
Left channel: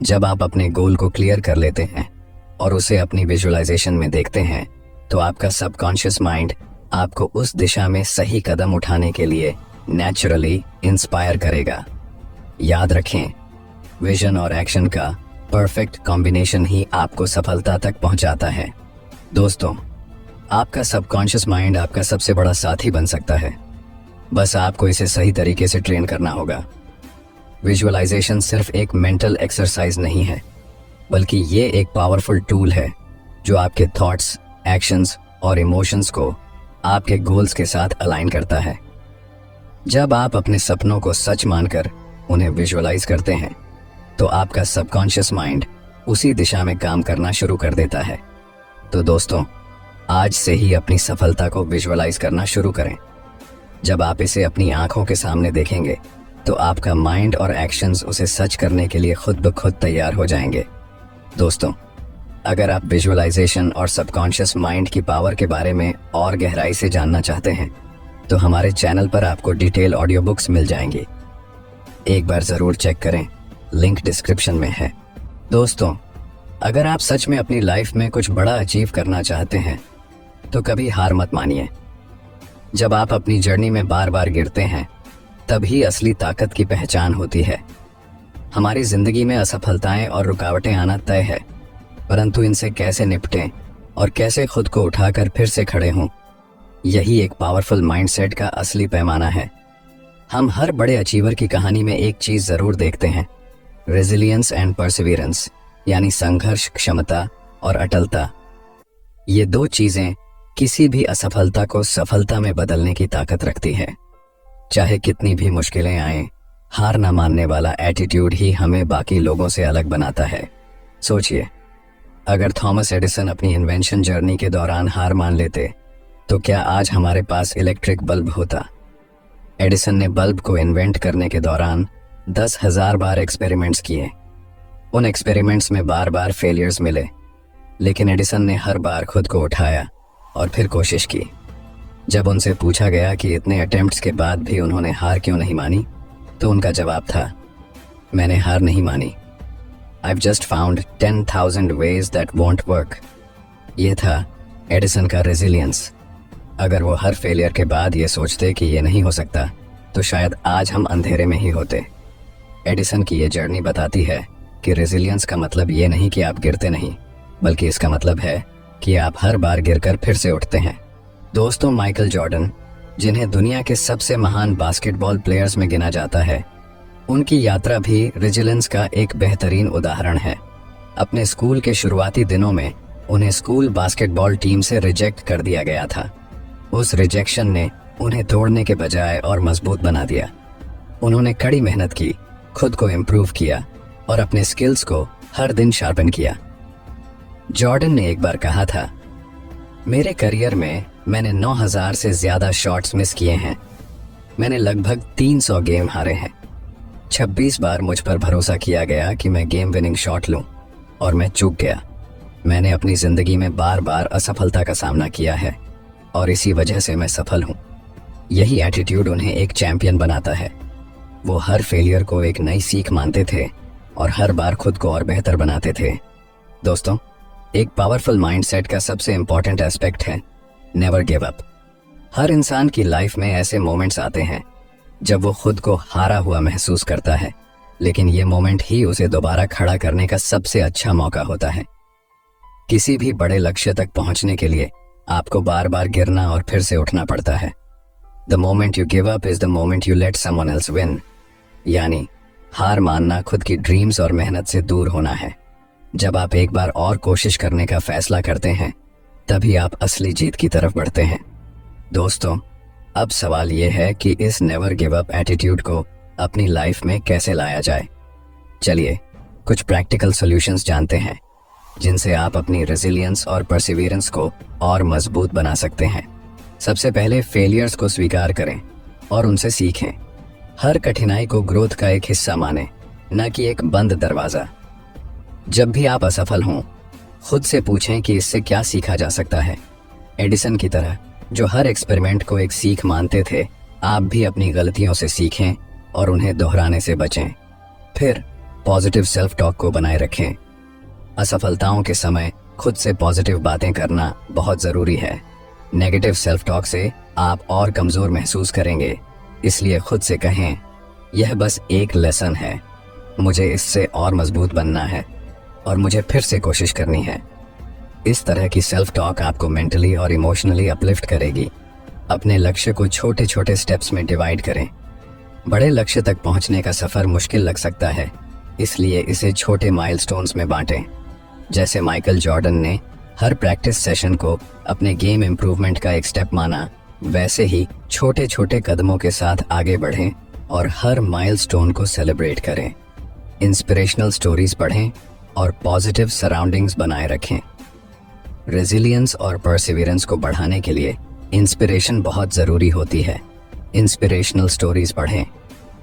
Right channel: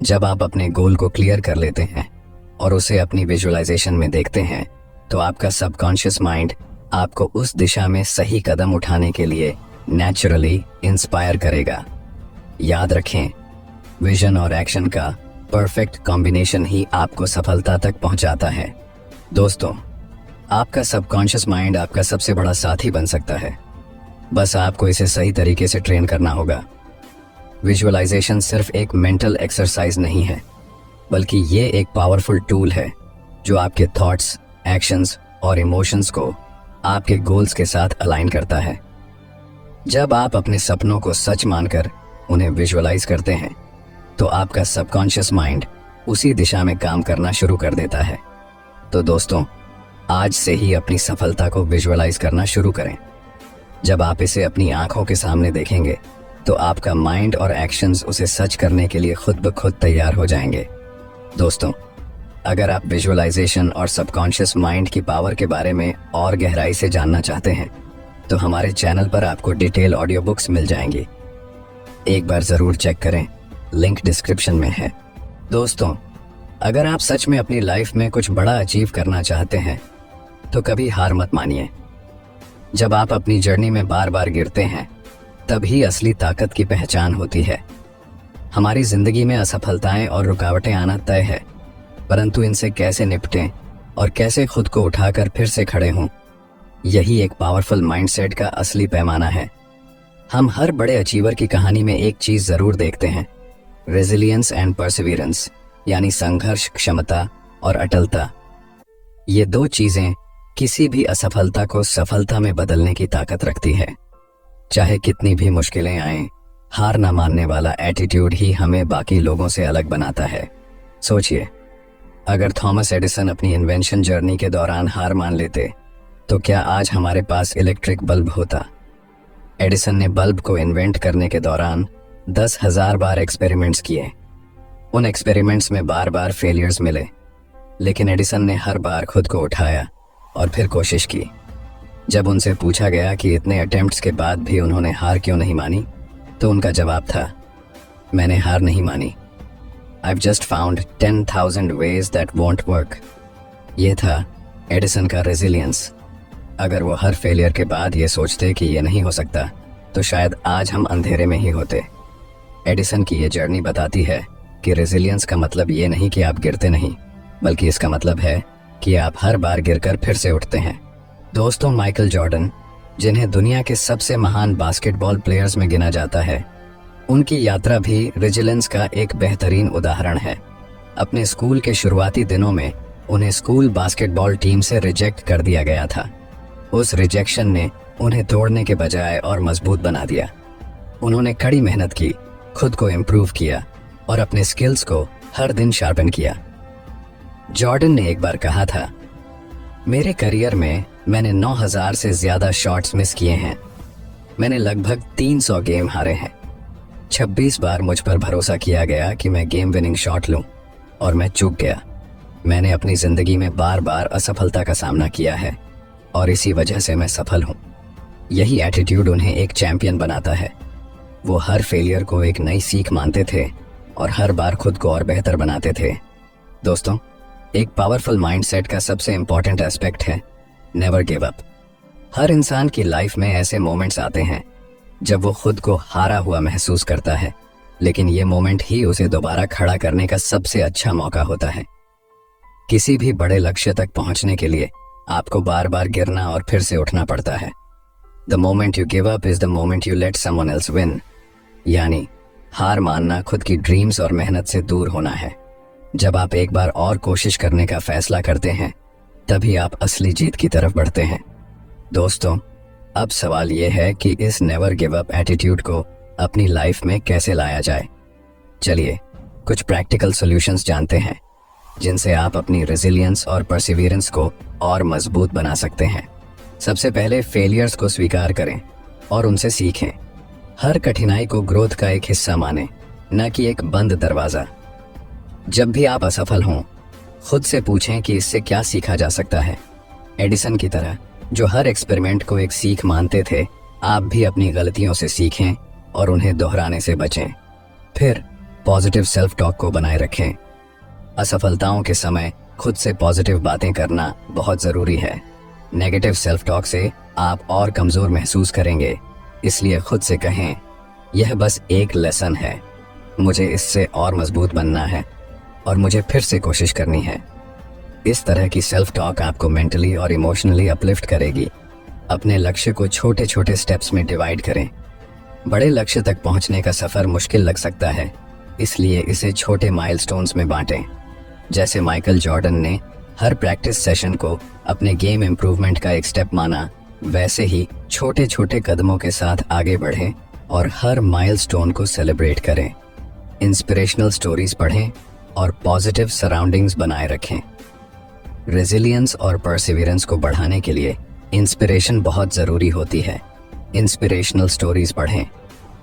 जब आप अपने गोल को क्लियर कर लेते हैं और उसे अपनी विजुअलाइजेशन में देखते हैं तो आपका सबकॉन्शियस माइंड आपको उस दिशा में सही कदम उठाने के लिए नेचुरली इंस्पायर करेगा। याद रखें, विजन और एक्शन का परफेक्ट कॉम्बिनेशन ही आपको सफलता तक पहुंचाता है। दोस्तों, आपका सबकॉन्शियस माइंड आपका सबसे बड़ा साथी बन सकता है। बस आपको इसे सही तरीके से ट्रेन करना होगा। विजुअलाइजेशन सिर्फ एक मेंटल एक्सरसाइज नहीं है, बल्कि ये एक पावरफुल टूल है जो आपके थॉट्स, एक्शंस और इमोशंस को आपके गोल्स के साथ अलाइन करता है। जब आप अपने सपनों को सच मानकर उन्हें विजुअलाइज करते हैं तो आपका सबकॉन्शियस माइंड उसी दिशा में काम करना शुरू कर देता है। तो दोस्तों, आज से ही अपनी सफलता को विजुअलाइज करना शुरू करें। जब आप इसे अपनी आंखों के सामने देखेंगे तो आपका माइंड और एक्शंस उसे सच करने के लिए खुद ब खुद तैयार हो जाएंगे। दोस्तों, अगर आप विजुअलाइजेशन और सबकॉन्शियस माइंड की पावर के बारे में और गहराई से जानना चाहते हैं तो हमारे चैनल पर आपको डिटेल ऑडियो बुक्स मिल जाएंगी। एक बार ज़रूर चेक करें, लिंक डिस्क्रिप्शन में है। दोस्तों, अगर आप सच में अपनी लाइफ में कुछ बड़ा अचीव करना चाहते हैं तो कभी हार मत मानिए। जब आप अपनी जर्नी में बार बार गिरते हैं तभी असली ताकत की पहचान होती है। हमारी जिंदगी में असफलताएं और रुकावटें आना तय है, परंतु इनसे कैसे निपटें और कैसे खुद को उठाकर फिर से खड़े हों, यही एक पावरफुल माइंडसेट का असली पैमाना है। हम हर बड़े अचीवर की कहानी में एक चीज जरूर देखते हैं, रेजिलियंस एंड परसिवियरेंस, यानी संघर्ष, क्षमता और अटलता। ये दो चीजें किसी भी असफलता को सफलता में बदलने की ताकत रखती है। चाहे कितनी भी मुश्किलें आएं, हार ना मानने वाला एटीट्यूड ही हमें बाकी लोगों से अलग बनाता है। सोचिए, अगर थॉमस एडिसन अपनी इन्वेंशन जर्नी के दौरान हार मान लेते तो क्या आज हमारे पास इलेक्ट्रिक बल्ब होता? एडिसन ने बल्ब को इन्वेंट करने के दौरान 10,000 बार एक्सपेरिमेंट्स किए। उन एक्सपेरिमेंट्स में बार बार फेलियर्स मिले, लेकिन एडिसन ने हर बार खुद को उठाया और फिर कोशिश की। जब उनसे पूछा गया कि इतने अटेम्प्ट्स के बाद भी उन्होंने हार क्यों नहीं मानी, तो उनका जवाब था, मैंने हार नहीं मानी, I've just found 10,000 ways that won't work। ये था एडिसन का रेजिलियंस। अगर वो हर फेलियर के बाद ये सोचते कि ये नहीं हो सकता तो शायद आज हम अंधेरे में ही होते। एडिसन की ये जर्नी बताती है कि रेजिलियंस का मतलब ये नहीं कि आप गिरते नहीं, बल्कि इसका मतलब है कि आप हर बार गिरकर फिर से उठते हैं। दोस्तों, माइकल जॉर्डन, जिन्हें दुनिया के सबसे महान बास्केटबॉल प्लेयर्स में गिना जाता है, उनकी यात्रा भी रेजिलियंस का एक बेहतरीन उदाहरण है। अपने स्कूल के शुरुआती दिनों में उन्हें स्कूल बास्केटबॉल टीम से रिजेक्ट कर दिया गया था। उस रिजेक्शन ने उन्हें तोड़ने के बजाय और मजबूत बना दिया। उन्होंने कड़ी मेहनत की, खुद को इम्प्रूव किया और अपने स्किल्स को हर दिन शार्पन किया। जॉर्डन ने एक बार कहा था, मेरे करियर में मैंने 9,000 से ज्यादा शॉट्स मिस किए हैं। मैंने लगभग 300 गेम हारे हैं। 26 बार मुझ पर भरोसा किया गया कि मैं गेम विनिंग शॉट लूं और मैं चूक गया। मैंने अपनी जिंदगी में बार बार असफलता का सामना किया है और इसी वजह से मैं सफल हूं। यही एटीट्यूड उन्हें एक चैंपियन बनाता है। वो हर फेलियर को एक नई सीख मानते थे और हर बार खुद को और बेहतर बनाते थे। दोस्तों, एक पावरफुल माइंडसेट का सबसे इंपॉर्टेंट एस्पेक्ट है नेवर गिव अप। हर इंसान की लाइफ में ऐसे मोमेंट्स आते हैं जब वो खुद को हारा हुआ महसूस करता है, लेकिन ये मोमेंट ही उसे दोबारा खड़ा करने का सबसे अच्छा मौका होता है। किसी भी बड़े लक्ष्य तक पहुंचने के लिए आपको बार बार गिरना और फिर से उठना पड़ता है। The moment you give up is the moment you let someone else win. यानी हार मानना खुद की ड्रीम्स और मेहनत से दूर होना है। जब आप एक बार और कोशिश करने का फैसला करते हैं तभी आप असली जीत की तरफ बढ़ते हैं। दोस्तों, अब सवाल ये है कि इस नेवर गिव अप एटीट्यूड को अपनी लाइफ में कैसे लाया जाए। चलिए कुछ प्रैक्टिकल सॉल्यूशंस जानते हैं जिनसे आप अपनी रेजिलियंस और परसिवियरेंस को और मजबूत बना सकते हैं। सबसे पहले फेलियर्स को स्वीकार करें और उनसे सीखें। हर कठिनाई को ग्रोथ का एक हिस्सा मानें, न कि एक बंद दरवाजा। जब भी आप असफल हों, खुद से पूछें कि इससे क्या सीखा जा सकता है। एडिसन की तरह जो हर एक्सपेरिमेंट को एक सीख मानते थे, आप भी अपनी गलतियों से सीखें और उन्हें दोहराने से बचें। फिर पॉजिटिव सेल्फ टॉक को बनाए रखें। असफलताओं के समय खुद से पॉजिटिव बातें करना बहुत ज़रूरी है। नेगेटिव सेल्फ टॉक से आप और कमज़ोर महसूस करेंगे, इसलिए खुद से कहें, यह बस एक लेसन है, मुझे इससे और मजबूत बनना है और मुझे फिर से कोशिश करनी है। इस तरह की सेल्फ टॉक आपको मेंटली और इमोशनली अपलिफ्ट करेगी। अपने लक्ष्य को छोटे छोटे स्टेप्स में डिवाइड करें। बड़े लक्ष्य तक पहुंचने का सफर मुश्किल लग सकता है, इसलिए इसे छोटे माइलस्टोन्स में बांटें। जैसे माइकल जॉर्डन ने हर प्रैक्टिस सेशन को अपने गेम इम्प्रूवमेंट का एक स्टेप माना, वैसे ही छोटे छोटे कदमों के साथ आगे बढ़ें और हर माइलस्टोन को सेलिब्रेट करें। इंस्पिरेशनल स्टोरीज पढ़ें और पॉजिटिव सराउंडिंग्स बनाए रखें। रेजिलियंस और परसिवियरेंस को बढ़ाने के लिए इंस्पिरेशन बहुत ज़रूरी होती है। इंस्पिरेशनल स्टोरीज पढ़ें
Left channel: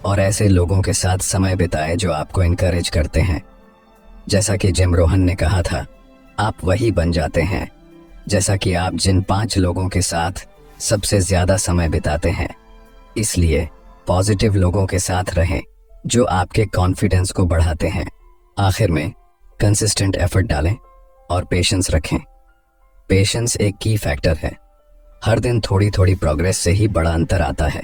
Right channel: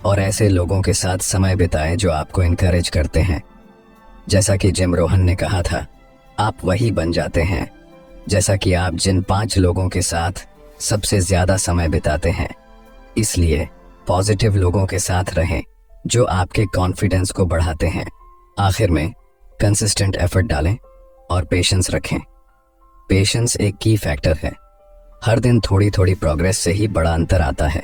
और ऐसे लोगों के साथ समय बिताएं जो आपको इनकरेज करते हैं। जैसा कि जिम रोहन ने कहा था, आप वही बन जाते हैं जैसा कि आप जिन 5 लोगों के साथ सबसे ज़्यादा समय बिताते हैं। इसलिए पॉजिटिव लोगों के साथ रहें जो आपके कॉन्फिडेंस को बढ़ाते हैं। आखिर में कंसिस्टेंट एफर्ट डालें और पेशेंस रखें। पेशेंस एक की फैक्टर है। हर दिन थोड़ी थोड़ी प्रोग्रेस से ही बड़ा अंतर आता है।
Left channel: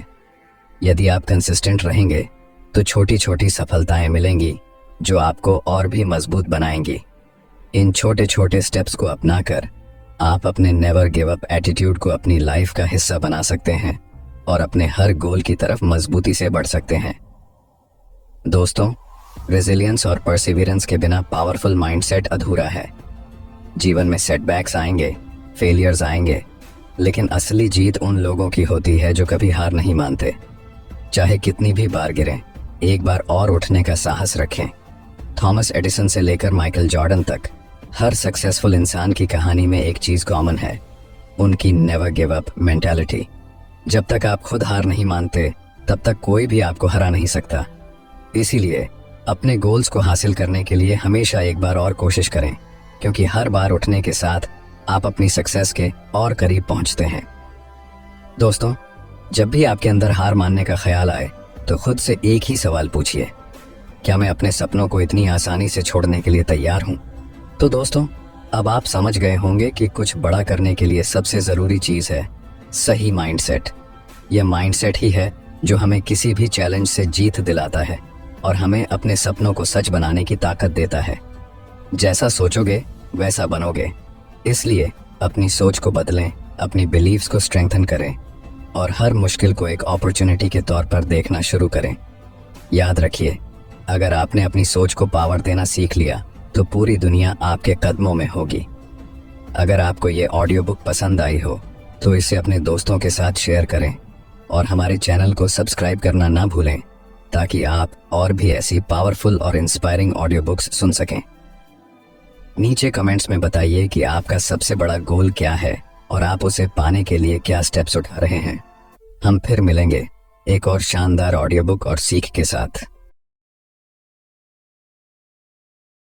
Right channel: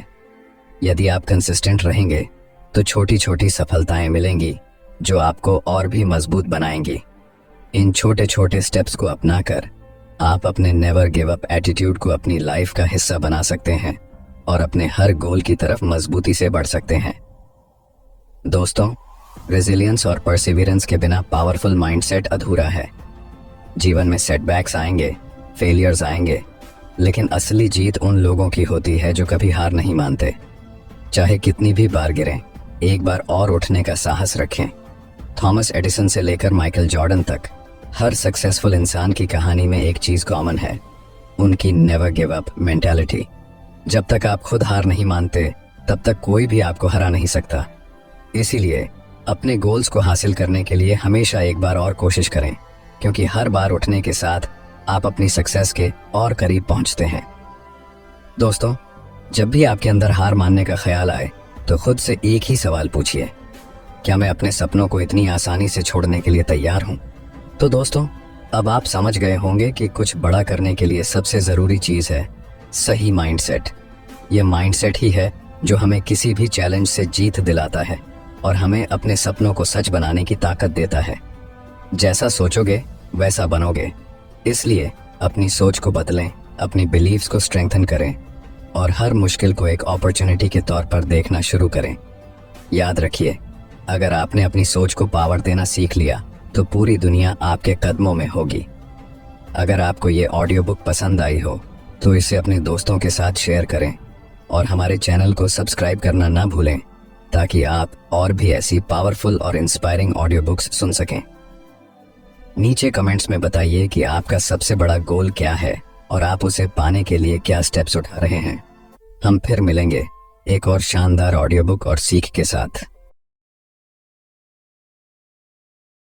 यदि आप कंसिस्टेंट रहेंगे तो छोटी छोटी सफलताएं मिलेंगी जो आपको और भी मजबूत बनाएंगी। इन छोटे छोटे स्टेप्स को अपनाकर आप अपने नेवर गिव अप एटीट्यूड को अपनी लाइफ का हिस्सा बना सकते हैं और अपने हर गोल की तरफ मजबूती से बढ़ सकते हैं। दोस्तों, रेजिलियंस और परसिवियरेंस के बिना पावरफुल माइंडसेट अधूरा है। जीवन में सेटबैक्स आएंगे, फेलियर्स आएंगे, लेकिन असली जीत उन लोगों की होती है जो कभी हार नहीं मानते। चाहे कितनी भी बार गिरें, एक बार और उठने का साहस रखें। थॉमस एडिसन से लेकर माइकल जॉर्डन तक हर सक्सेसफुल इंसान की कहानी में एक चीज कॉमन है, उनकी नेवर गिव अप मेंटालिटी। जब तक आप खुद हार नहीं मानते, तब तक कोई भी आपको हरा नहीं सकता। इसीलिए अपने गोल्स को हासिल करने के लिए हमेशा एक बार और कोशिश करें, क्योंकि हर बार उठने के साथ आप अपनी सक्सेस के और करीब पहुंचते हैं। दोस्तों, जब भी आपके अंदर हार मानने का ख्याल आए तो खुद से एक ही सवाल पूछिए, क्या मैं अपने सपनों को इतनी आसानी से छोड़ने के लिए तैयार हूं? तो दोस्तों, अब आप समझ गए होंगे कि कुछ बड़ा करने के लिए सबसे ज़रूरी चीज़ है सही माइंडसेट। यह माइंडसेट ही है जो हमें किसी भी चैलेंज से जीत दिलाता है और हमें अपने सपनों को सच बनाने की ताकत देता है। जैसा सोचोगे वैसा बनोगे। इसलिए अपनी सोच को बदलें, अपनी बिलीव्स को स्ट्रेंथन करें और हर मुश्किल को एक अपॉर्चुनिटी के तौर पर देखना शुरू करें। याद रखिए, अगर आपने अपनी सोच को पावर देना सीख लिया तो पूरी दुनिया आपके कदमों में होगी। अगर आपको ये ऑडियो बुक पसंद आई हो तो इसे अपने दोस्तों के साथ शेयर करें और हमारे चैनल को सब्सक्राइब करना ना भूलें, ताकि आप और भी ऐसी पावरफुल और इंस्पायरिंग ऑडियो बुक्स सुन सकें। नीचे कमेंट्स में बताइए कि आपका सबसे बड़ा गोल क्या है और आप उसे पाने के लिए क्या स्टेप्स उठा रहे हैं। हम फिर मिलेंगे एक और शानदार ऑडियो बुक और सीख के साथ।